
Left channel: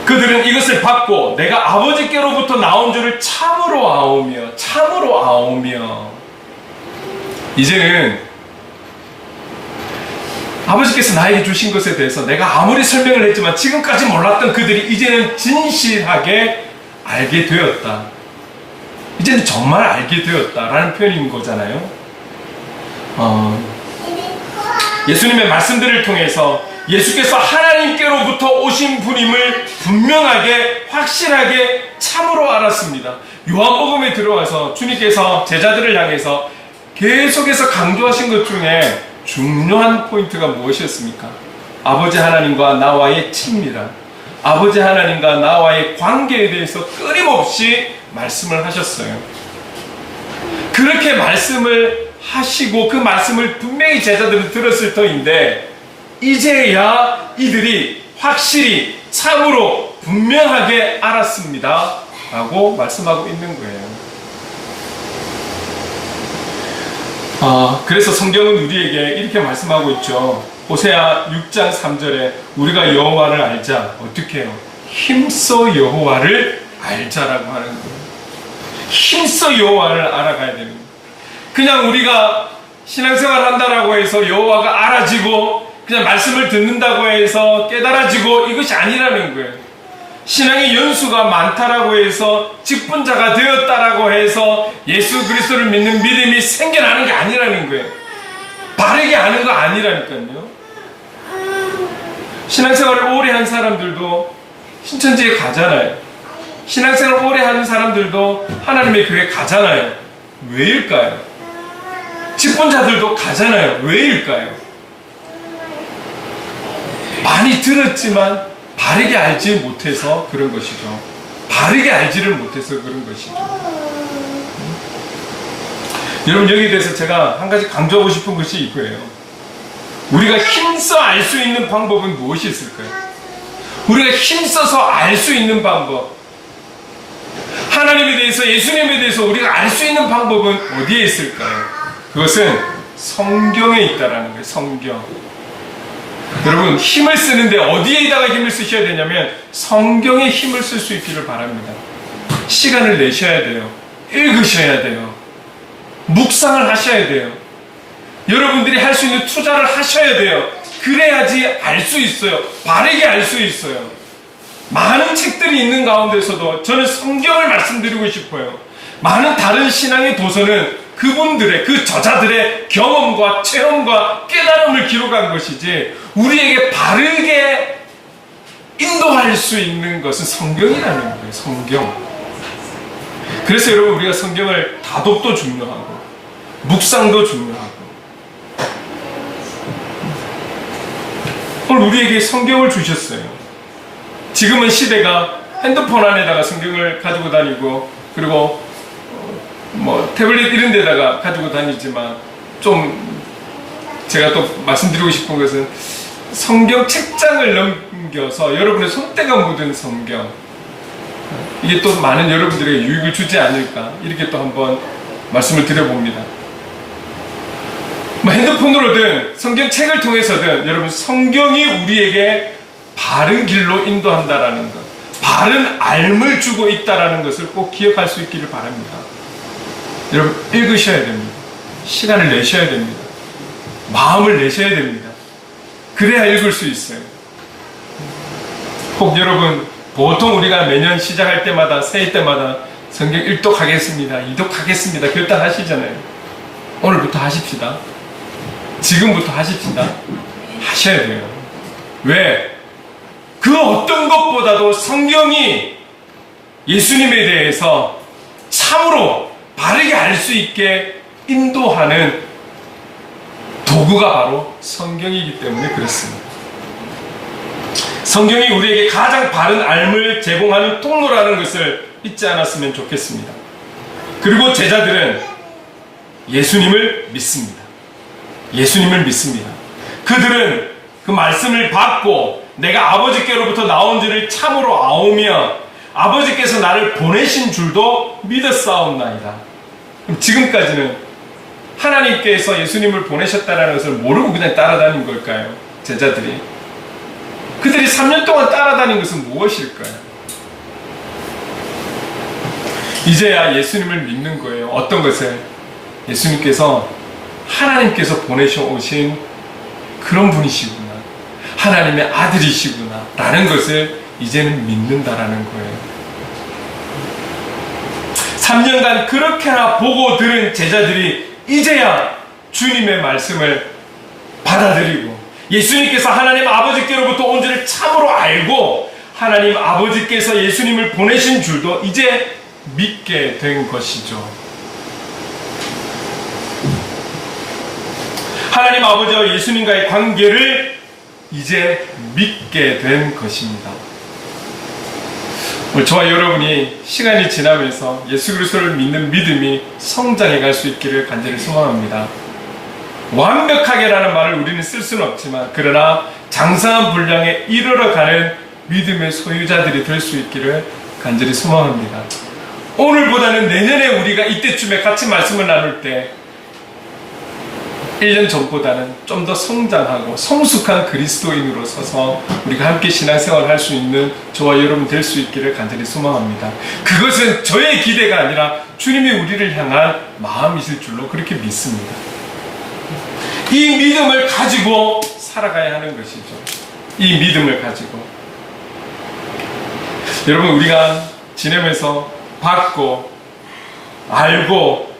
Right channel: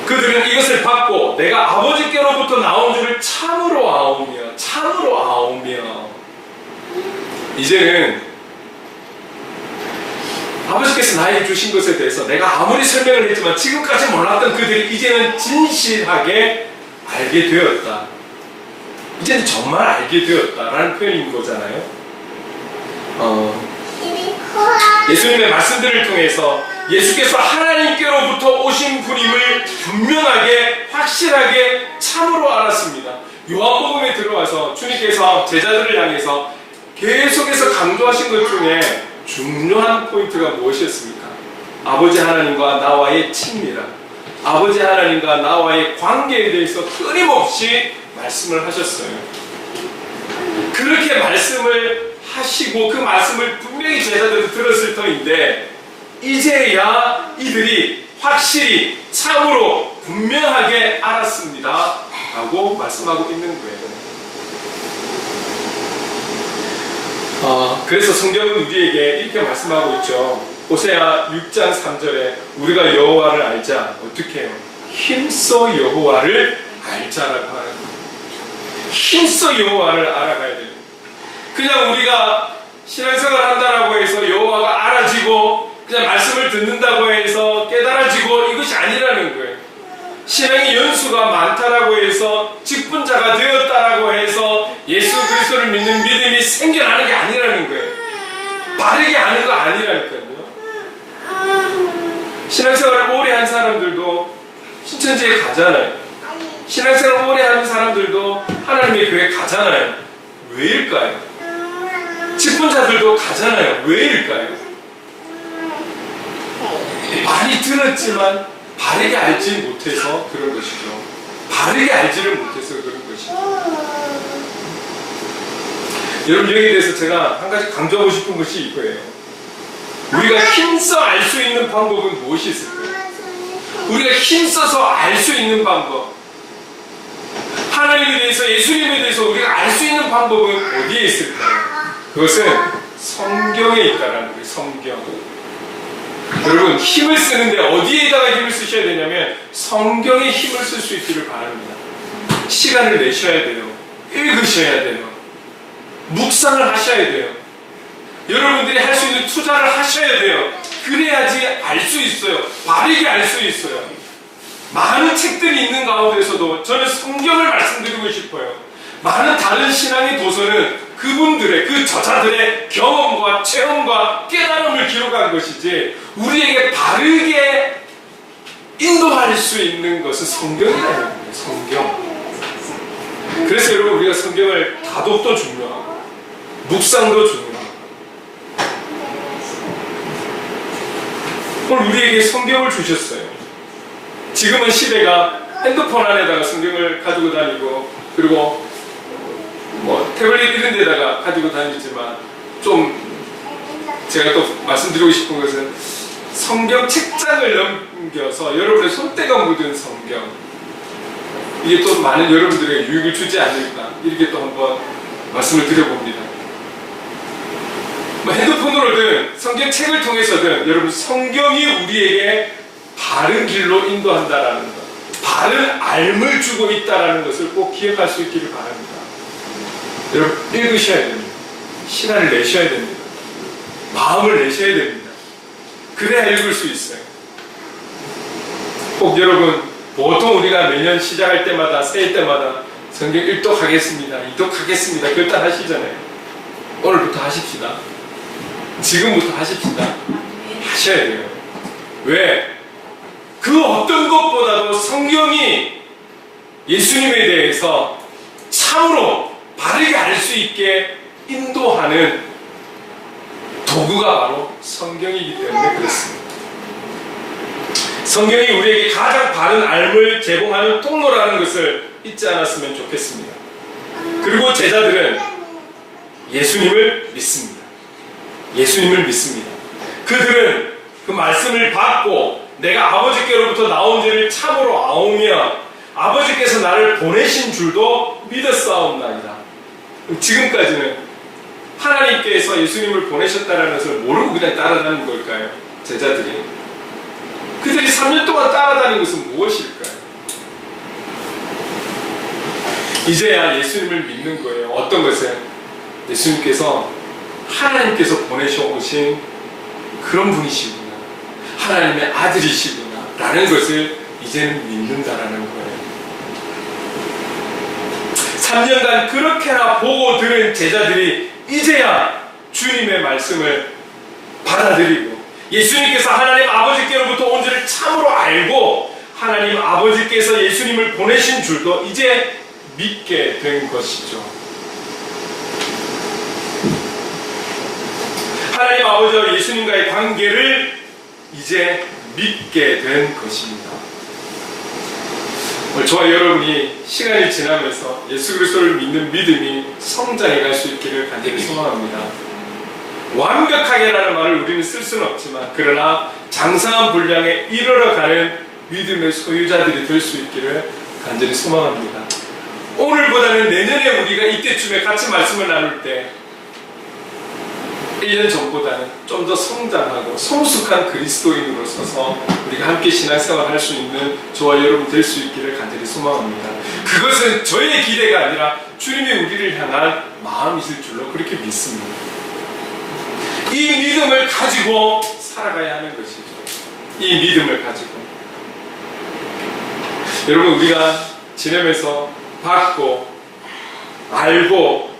그들은 이것을 받고 내가 아버지께로부터 나온 줄을 참으로 아오며 이제는 아버지께서 나에게 주신 것에 대해서 내가 아무리 설명을 했지만 지금까지 몰랐던 그들이 이제는 진실하게 알게 되었다. 이제는 정말 알게 되었다라는 표현인 거잖아요. 예수님의 말씀들을 통해서 예수께서 하나님께로부터 오신 분임을 분명하게 확실하게 참으로 알았습니다. 요한복음에 들어와서 주님께서 제자들을 향해서 계속해서 강조하신 것 중에 중요한 포인트가 무엇이었습니까? 아버지 하나님과 나와의 친밀함, 아버지 하나님과 나와의 관계에 대해서 끊임없이 말씀을 하셨어요. 그렇게 말씀을 하시고 그 말씀을 분명히 제자들은 들었을 터인데 이제야 이들이 확실히 참으로 분명하게 알았습니다 라고 말씀하고 있는 거예요. 그래서 성경은 우리에게 이렇게 말씀하고 있죠. 호세아 6장 3절에 우리가 여호와를 알자. 어떻게 해요? 힘써 여호와를 알자라고 하는 거예요. 힘써 여호와를 알아가야 됩니다. 그냥 우리가 신앙생활 한다라고 해서 여호와가 알아지고 그냥 말씀을 듣는다고 해서 깨달아지고 이것이 아니라는 거예요. 신앙의 연수가 많다라고 해서 직분자가 되었다라고 해서 예수 그리스도를 믿는 믿음이 생겨나는 게 아니라는 거예요. 바르게 아는 거 아니라니까요. 신앙생활을 오래 한 사람들도 신천지에 가잖아요. 신앙생활을 오래 하는 사람들도 하나님의 교회에 가잖아요. 왜일까요? 직분자들도 가잖아요. 왜일까요? 많이 들었지만 바르게 알지 못해서 그런 것이죠. 바르게 알지를 못해서 그런 것이죠. 여러분, 여기에 대해서 제가 한 가지 강조하고 싶은 것이 이거예요. 우리가 힘써 알 수 있는 방법은 무엇이 있을까요? 우리가 힘써서 알 수 있는 방법, 하나님에 대해서, 예수님에 대해서 우리가 알 수 있는 방법은 어디에 있을까요? 그것은 성경에 있다라는 거예요. 성경. 여러분, 힘을 쓰는데 어디에다가 힘을 쓰셔야 되냐면 성경에 힘을 쓸 수 있기를 바랍니다. 시간을 내셔야 돼요. 읽으셔야 돼요. 묵상을 하셔야 돼요. 여러분들이 할 수 있는 투자를 하셔야 돼요. 그래야지 알 수 있어요. 바르게 알 수 있어요. 많은 책들이 있는 가운데서도 저는 성경을 말씀드리고 싶어요. 많은 다른 신앙의 도서는 그분들의, 그 저자들의 경험과 체험과 깨달음을 기록한 것이지 우리에게 바르게 인도할 수 있는 것은 성경이라는 거예요. 성경. 그래서 여러분, 우리가 성경을 다독도 중요하고 묵상도 중요하고, 오늘 우리에게 성경을 주셨어요. 지금은 시대가 핸드폰 안에다가 성경을 가지고 다니고, 그리고 뭐 태블릿 이런 데다가 가지고 다니지만, 좀 제가 또 말씀드리고 싶은 것은 성경 책장을 넘겨서 여러분의 손때가 묻은 성경, 이게 또 많은 여러분들에게 유익을 주지 않을까, 이렇게 또 한번 말씀을 드려봅니다. 뭐 핸드폰으로든 성경책을 통해서든 여러분, 성경이 우리에게 바른 길로 인도한다라는 것, 바른 알을 주고 있다라는 것을 꼭 기억할 수 있기를 바랍니다. 여러분, 읽으셔야 됩니다. 시간을 내셔야 됩니다. 마음을 내셔야 됩니다. 그래야 읽을 수 있어요. 꼭 여러분, 보통 우리가 매년 시작할 때마다, 새해 때마다 성경 1독 하겠습니다, 2독 하겠습니다, 그렇다 하시잖아요. 오늘부터 하십시다. 지금부터 하십시다. 하셔야 돼요. 왜? 그 어떤 것보다도 성경이 예수님에 대해서 참으로 바르게 알 수 있게 인도하는 도구가 바로 성경이기 때문에 그렇습니다. 성경이 우리에게 가장 바른 알을 제공하는 통로라는 것을 잊지 않았으면 좋겠습니다. 그리고 제자들은 예수님을 믿습니다. 예수님을 믿습니다. 그들은 그 말씀을 받고 내가 아버지께로부터 나온 줄을 참으로 아오며 아버지께서 나를 보내신 줄도 믿었사옵나이다. 지금까지는 하나님께서 예수님을 보내셨다는 것을 모르고 그냥 따라다닌 걸까요? 제자들이. 그들이 3년 동안 따라다닌 것은 무엇일까요? 이제야 예수님을 믿는 거예요. 어떤 것을? 예수님께서, 하나님께서 보내셔 오신 그런 분이시구나, 하나님의 아들이시구나 라는 것을 이제는 믿는다라는 거예요. 3년간 그렇게나 보고 들은 제자들이 이제야 주님의 말씀을 받아들이고 예수님께서 하나님 아버지께로부터 온 줄을 참으로 알고 하나님 아버지께서 예수님을 보내신 줄도 이제 믿게 된 것이죠. 하나님 아버지와 예수님과의 관계를 이제 믿게 된 것입니다. 저와 여러분이 시간이 지나면서 예수 그리스도를 믿는 믿음이 성장해 갈 수 있기를 간절히 소망합니다. 완벽하게라는 말을 우리는 쓸 수는 없지만, 그러나 장성한 분량에 이르러가는 믿음의 소유자들이 될 수 있기를 간절히 소망합니다. 오늘보다는 내년에 우리가 이때쯤에 같이 말씀을 나눌 때 1년 전보다는 좀 더 성장하고 성숙한 그리스도인으로 서서 우리가 함께 신앙생활을 할 수 있는 저와 여러분 될 수 있기를 간절히 소망합니다. 그것은 저의 기대가 아니라 주님이 우리를 향한 마음이실 줄로 그렇게 믿습니다. 이 믿음을 가지고 살아가야 하는 것이죠. 이 믿음을 가지고 여러분, 우리가 지내면서 받고 알고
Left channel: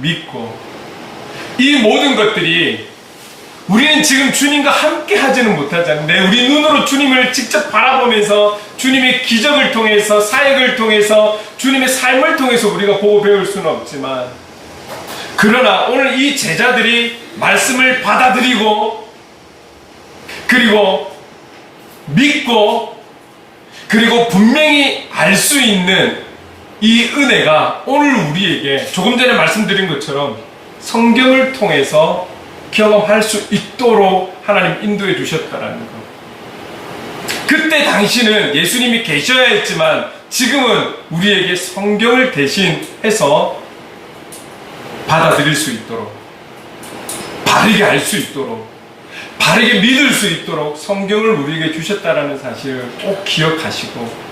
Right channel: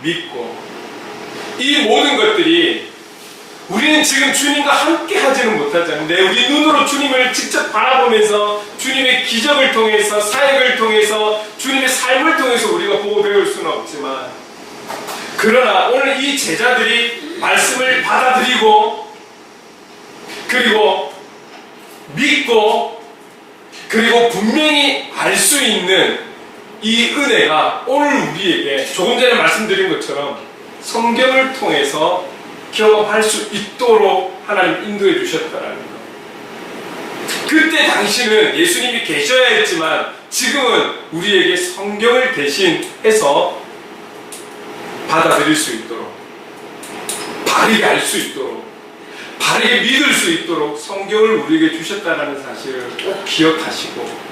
믿고 이 모든 것들이 우리는 지금 주님과 함께 하지는 못하잖아요. 우리 눈으로 주님을 직접 바라보면서 주님의 기적을 통해서, 사역을 통해서, 주님의 삶을 통해서 우리가 보고 배울 수는 없지만, 그러나 오늘 이 제자들이 말씀을 받아들이고 그리고 믿고 그리고 분명히 알 수 있는 이 은혜가 오늘 우리에게 조금 전에 말씀드린 것처럼 성경을 통해서 경험할 수 있도록 하나님 인도해 주셨다라는 것. 그때 당시는 예수님이 계셔야 했지만 지금은 우리에게 성경을 대신해서 받아들일 수 있도록, 바르게 알 수 있도록, 바르게 믿을 수 있도록 성경을 우리에게 주셨다라는 사실을 꼭 기억하시고,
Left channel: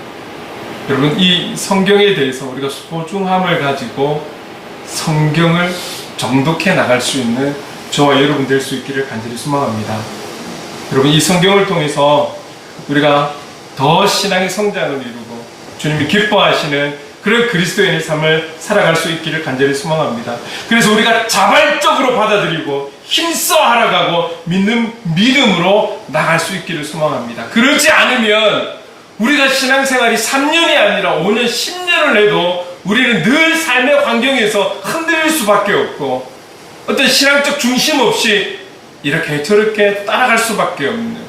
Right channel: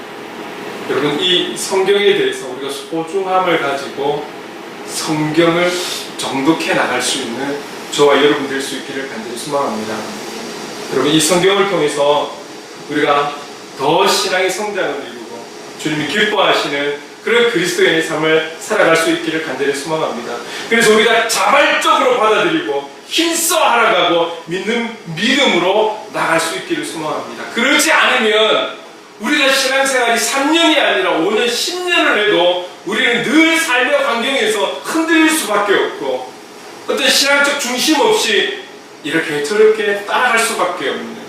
여러분, 이 성경에 대해서 우리가 소중함을 가지고 성경을 정독해 나갈 수 있는 저와 여러분 될 수 있기를 간절히 소망합니다. 여러분, 이 성경을 통해서 우리가 더 신앙의 성장을 이루고 주님이 기뻐하시는 그런 그리스도인의 삶을 살아갈 수 있기를 간절히 소망합니다. 그래서 우리가 자발적으로 받아들이고 힘써 알아가고 믿는 믿음으로 나갈 수 있기를 소망합니다. 그렇지 않으면 우리가 신앙생활이 3년이 아니라 5년, 10년을 해도 우리는 늘 삶의 환경에서 흔들릴 수밖에 없고 어떤 신앙적 중심 없이 이렇게 저렇게 따라갈 수밖에 없는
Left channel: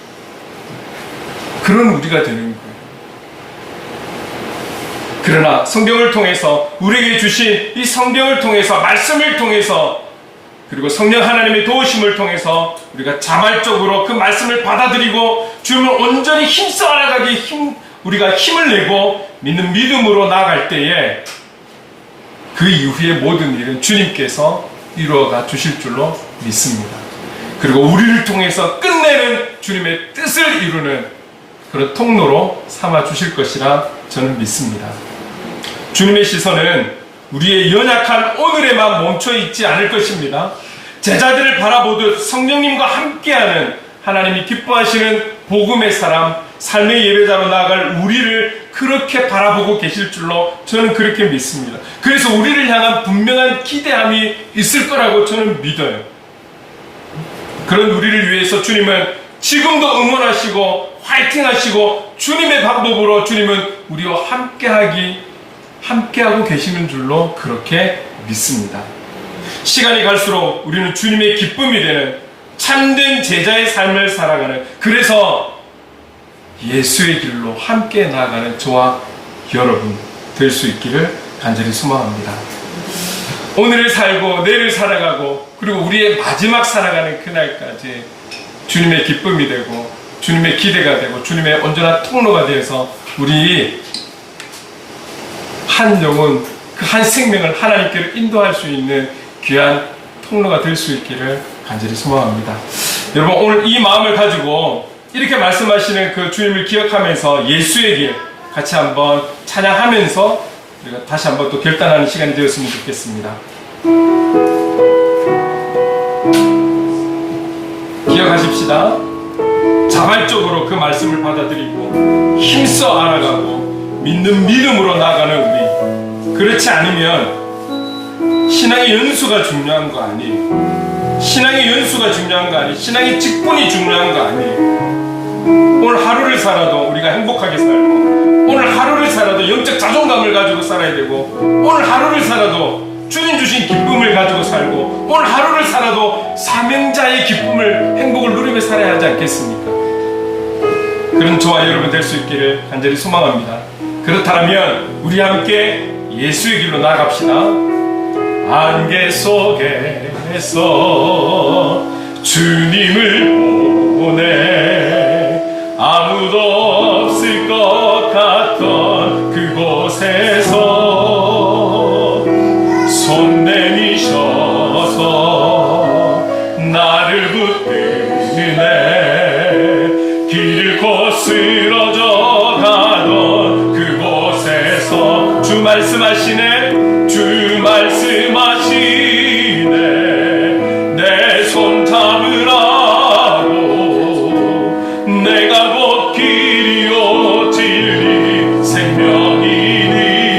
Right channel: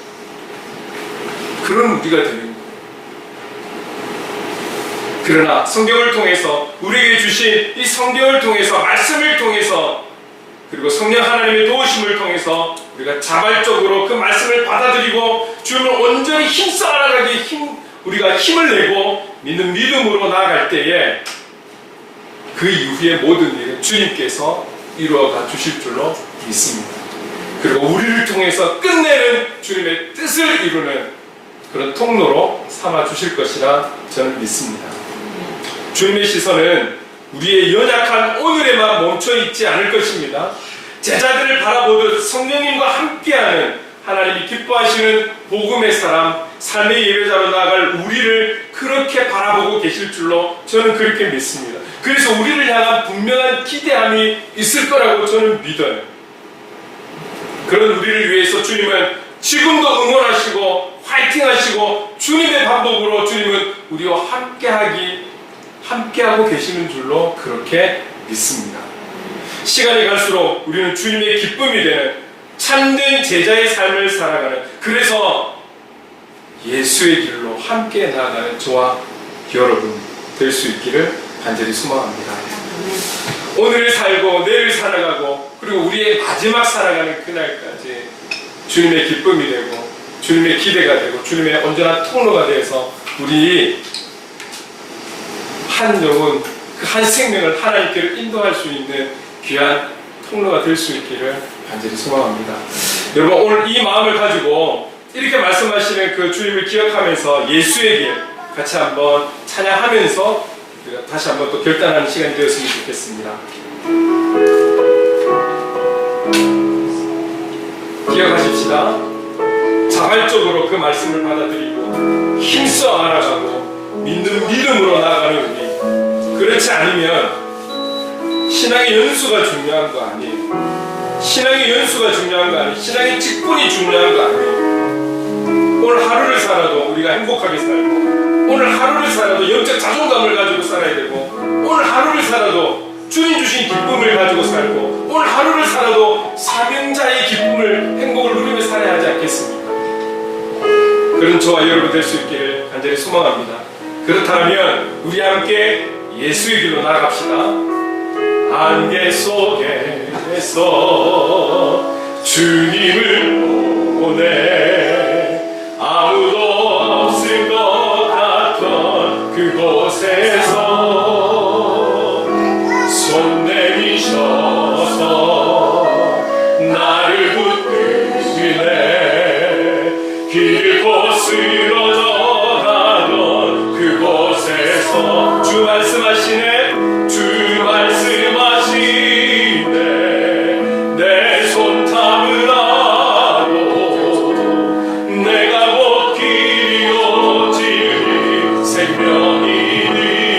그런 우리가 되는 거예요. 그러나 성경을 통해서 우리에게 주신 이 성경을 통해서 말씀을 통해서 그리고 성령 하나님의 도우심을 통해서 우리가 자발적으로 그 말씀을 받아들이고 주님을 온전히 힘써 알아가기 우리가 힘을 내고 믿는 믿음으로 나아갈 때에 그 이후의 모든 일은 주님께서 이루어가 주실 줄로 믿습니다. 그리고 우리를 통해서 끝내는 주님의 뜻을 이루는 그런 통로로 삼아 주실 것이라 저는 믿습니다. 주님의 시선은 우리의 연약한 오늘에만 멈춰 있지 않을 것입니다. 제자들을 바라보듯 성령님과 함께하는 하나님이 기뻐하시는 복음의 사람, 삶의 예배자로 나아갈 우리를 그렇게 바라보고 계실 줄로 저는 그렇게 믿습니다. 그래서 우리를 향한 분명한 기대함이 있을 거라고 저는 믿어요. 그런 우리를 위해서 주님은 지금도 응원하시고 화이팅하시고 주님의 방법으로 주님은 우리와 함께하고 계시는 줄로 그렇게 믿습니다. 시간이 갈수록 우리는 주님의 기쁨이 되는 참된 제자의 삶을 살아가는, 그래서 예수의 길로 함께 나아가는 저와 여러분 될 수 있기를 간절히 소망합니다. 오늘을 살고 내일을 살아가고 그리고 우리의 마지막 살아가는 그날까지 주님의 기쁨이 되고 주님의 기대가 되고 주님의 온전한 통로가 되어서 우리 한 영혼, 그 한 생명을 하나님께로 인도할 수 있는 귀한 통로가 될 수 있기를 간절히 소망합니다. 여러분, 오늘 이 마음을 가지고 이렇게 말씀하시는 그 주님을 기억하면서 예수의 길 같이 한번 찬양하면서 우리가 다시 한번 또 결단하는 시간이 되었으면 좋겠습니다. 기억하십시다. 자발적으로 그 말씀을 받아들이고 힘써 알아가고 믿는 믿음으로 나가는 우리, 그렇지 않으면 신앙의 연수가 중요한 거 아니에요. 신앙의 연수가 중요한 거 아니에요. 신앙의 직분이 중요한 거 아니에요. 오늘 하루를 살아도 우리가 행복하게 살고, 오늘 하루를 살아도 영적 자존감을 가지고 살아야 되고, 오늘 하루를 살아도 주님 주신 기쁨을 가지고 살고, 오늘 하루를 살아도 사명자의 기쁨을, 행복을 누리며 살아야 하지 않겠습니까? 그런 저와 여러분 될 수 있기를 간절히 소망합니다. 그렇다면 우리 함께 예수의 길로 나아갑시다. 안개 속에서 주님을 보내 아무도 없을 것 같던 그곳에서 손 내미셔서 나를 붙드네 길고 쓰러져 가던 그곳에서 주 말씀하시네, 주 말씀하시네 내 손 잡으라고 내가 곧 길이요 진리 생명이니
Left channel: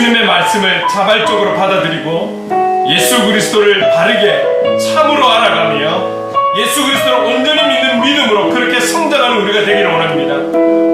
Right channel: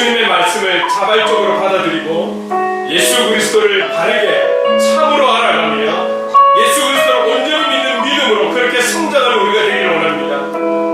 주님의 말씀을 자발적으로 받아들이고 예수 그리스도를 바르게 참으로 알아가며 예수 그리스도를 온전히 믿는 믿음으로 그렇게 성장하는 우리가 되기를 원합니다.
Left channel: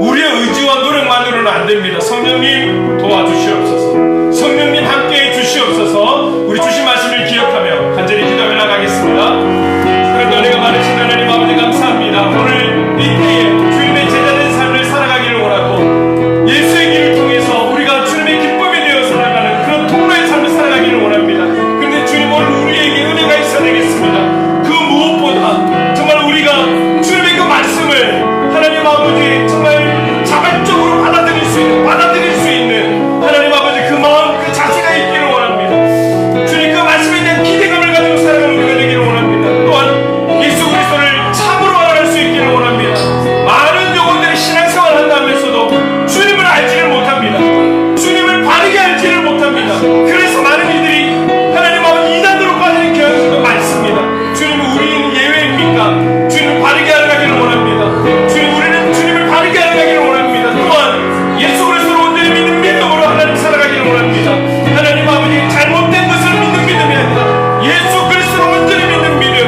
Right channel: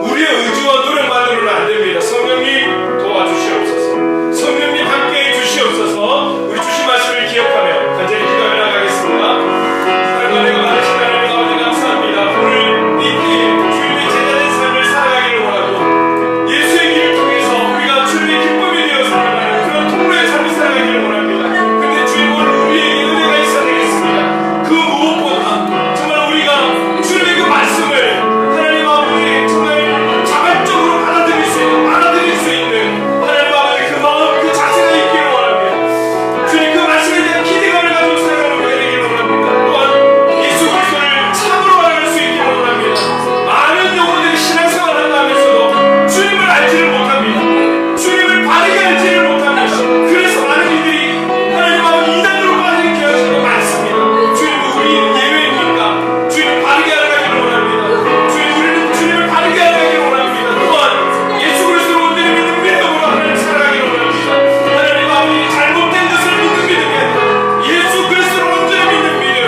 우리의 의지와 노력만으로는 안 됩니다. 성령님 도와주시옵소서. 성령님 함께해 주시옵소서. 우리 주신 말씀을 기억하며 간절히 기도를 나가겠습니다. 사랑하는 은혜가 많으신 하나님 아버지 감사합니다. 오늘 이 때에 주님의 제자된 삶을 살아가기를 원하고 예수의 길을 통해서 우리가 주님의 기쁨이 되어 살아가는 그런 통로의 삶을 살아가기를 원합니다. 그런데 주님 오늘 우리에게 은혜가 있어야 되겠습니다. 그 무엇보다 정말 우리가 주님의 그 말씀을 하나님 아버지 정말 자발적으로 받아들일 수 있는 하나님 아버지 그 마음 그 자세가 있기를 원합니다. 주님 그 말씀에 대한 기대감을 가지고 살아가는 우리가 되기를 원합니다. 또한 예수 그리스도를 참으로 알아갈 수 있기를 원합니다. 많은 영혼들이 신앙생활을 한다면서도 주님을 알지를 못합니다. 주님을 바르게 알지를 못합니다. 그래서 많은 이들이 하나님 아버지 이단으로 빠지는 경우도 많습니다. 주님은 우리는 예외입니까? 주님을 바르게 알아가기를 원합니다. 주님 우리는 주님을 바르게 알아가기를 원합니다. 또한 예수 그리스도를 온전히 믿는 믿음으로 하나님 살아가기를 원합니다. 하나님 아버지 잘못된 것을 믿는 믿음이 아니라 예수 그리스도를 온전히 믿는 믿음,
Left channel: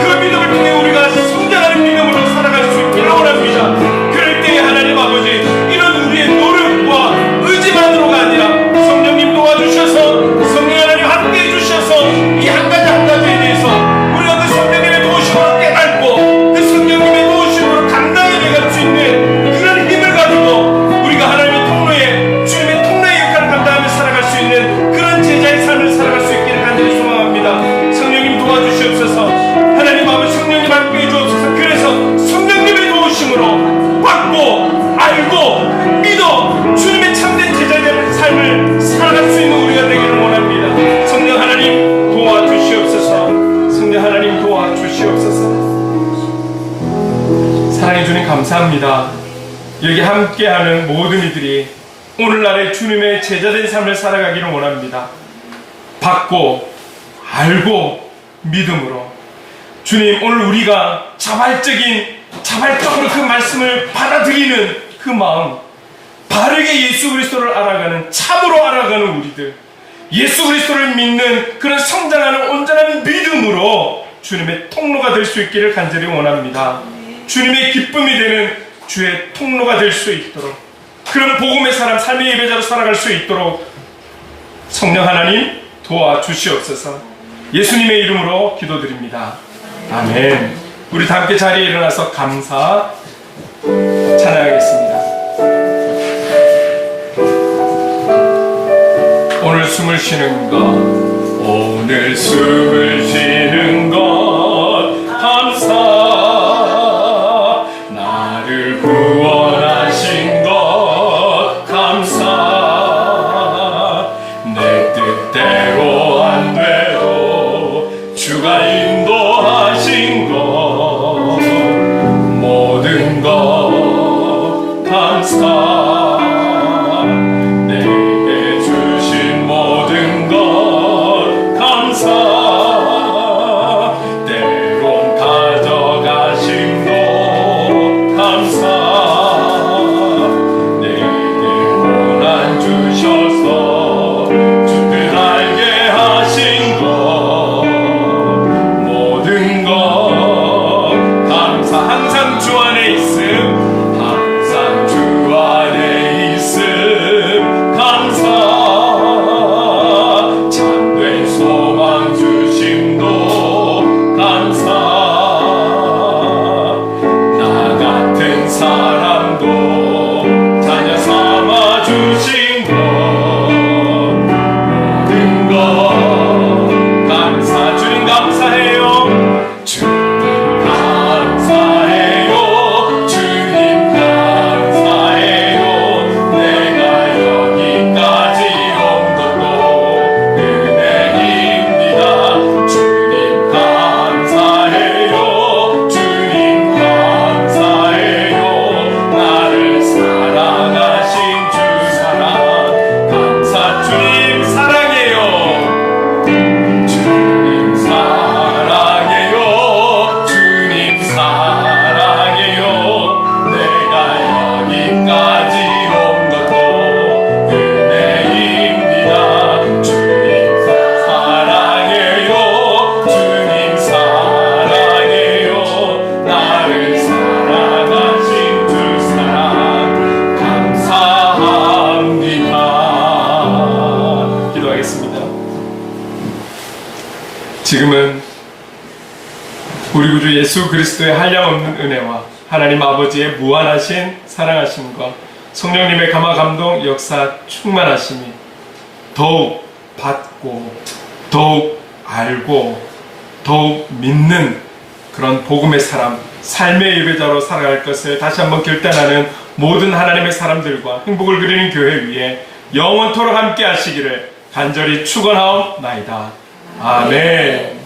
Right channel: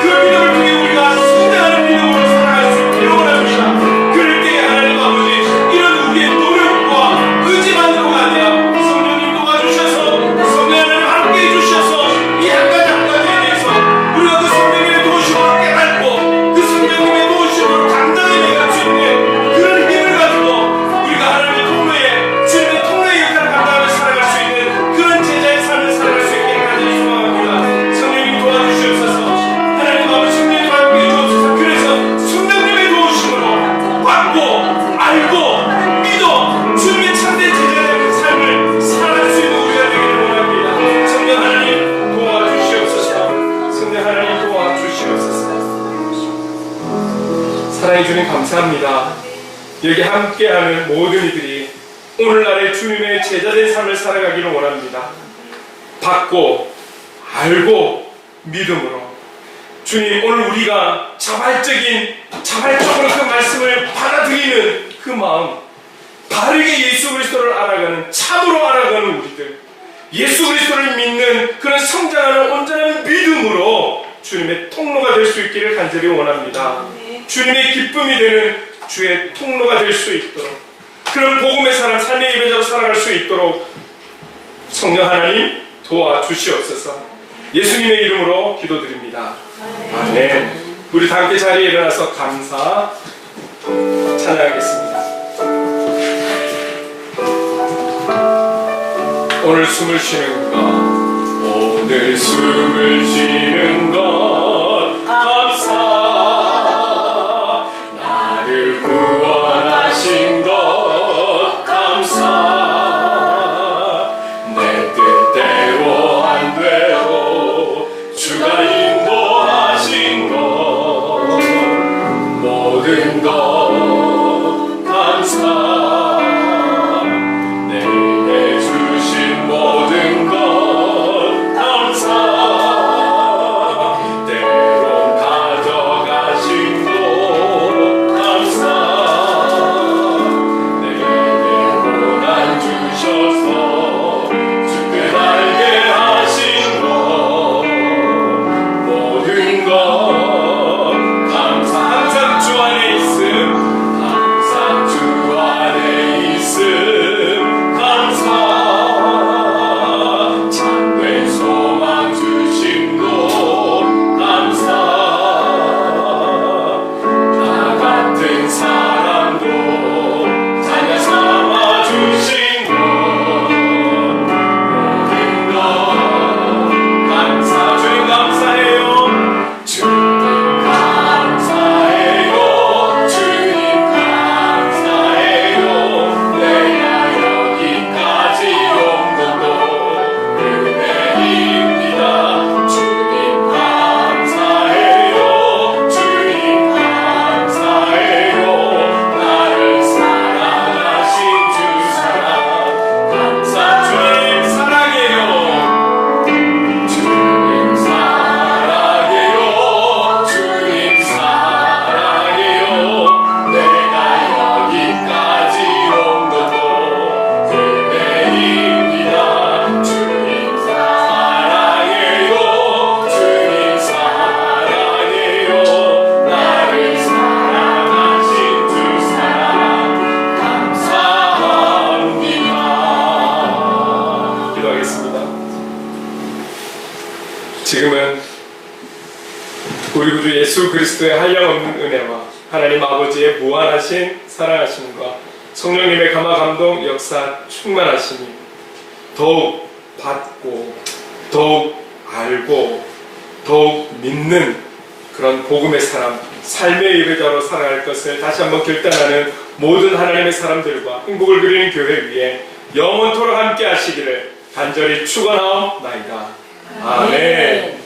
그 믿음을 통해 우리가 성장하는 믿음으로 살아갈 수 있기를 원합니다. 그럴 때에 하나님 아버지 이런 우리의 노력과 의지만으로가 아니라 성령님 도와주셔서 성령 하나님 함께해 주셔서 이 한 가지 한 가지에 대해서 우리가 그 성령님의 도우심으로 깨닫고 그 성령님의 도우심으로 당당하게 갈 수 있는 그런 힘을 가지고 우리가 하나님의 통로에 주님의 통로의 역할을 감당하며 살아갈 수 있는 그런 제자의 삶을 살아갈 수 있기를 간절히 소망합니다. 성령님 도와주시옵소서. 하나님 아버지 성령님 함께해 주옵소서. 그래서 성령님의 도우심으로 받고 알고 믿어 주님의 참된 제자의 삶을 살아갈 수 있는 우리가 되기를 원합니다. 성령 하나님 도와주시옵소서. 성령 하나님 도와주시옵소서. 사랑해 주님 감사합니다. 여기 함께하는 모든 이들이 오늘날의 주님의 제자된 삶을 살아가기를 원합니다. 받고 알고 믿음으로 주님 오늘 우리가 자발적으로 그 말씀을 받아들이는 그 마음, 바르게 예수 그리스도를 알아가는 참으로 알아가는 우리들, 예수 그리스도를 믿는 그런 성장하는 온전한 믿음으로 주님의 통로가 될 수 있기를 간절히 원합니다. 주님의 기쁨이 되는 주의 통로가 될 수 있도록 그런 복음의 사람, 삶의 예배자로 살아갈 수 있도록 성령 하나님 도와주시옵소서. 예수님의 이름으로 기도드립니다. 아멘. 우리 다 함께 자리에 일어나서 감사 찬양하겠습니다. 오늘 숨을 쉬는 것, 오늘 숨을 쉬는 것 감사. 나를 구원하신 것 감사. 내 뜻대로 안 돼도 주가 인도하신 것 모든 것 감사. 내게 주신 모든 것 감사. 지금은 우리 구주 예수 그리스도의 한량없는 은혜와 하나님 아버지의 무한하신 사랑하심과 성령님의 감화 감동 역사 충만하심이 더욱 받고 더욱 알고 더욱 믿는 그런 복음의 사람, 삶의 예배자로 살아갈 것을 다시 한번 결단하는 모든 하나님의 사람들과 행복을 그리는 교회 위에 영원토록 함께 하시기를 간절히 축원하옵나이다. 아멘.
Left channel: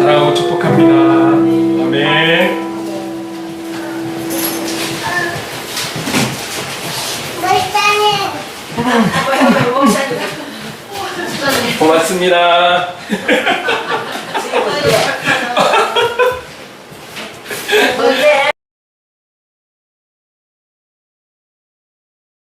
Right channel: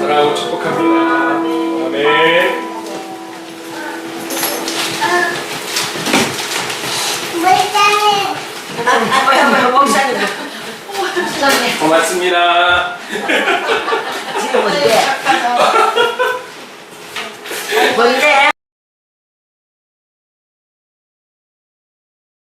사랑하고 축복합니다. 아멘. 목사님. 고맙습니다. 지금 어때?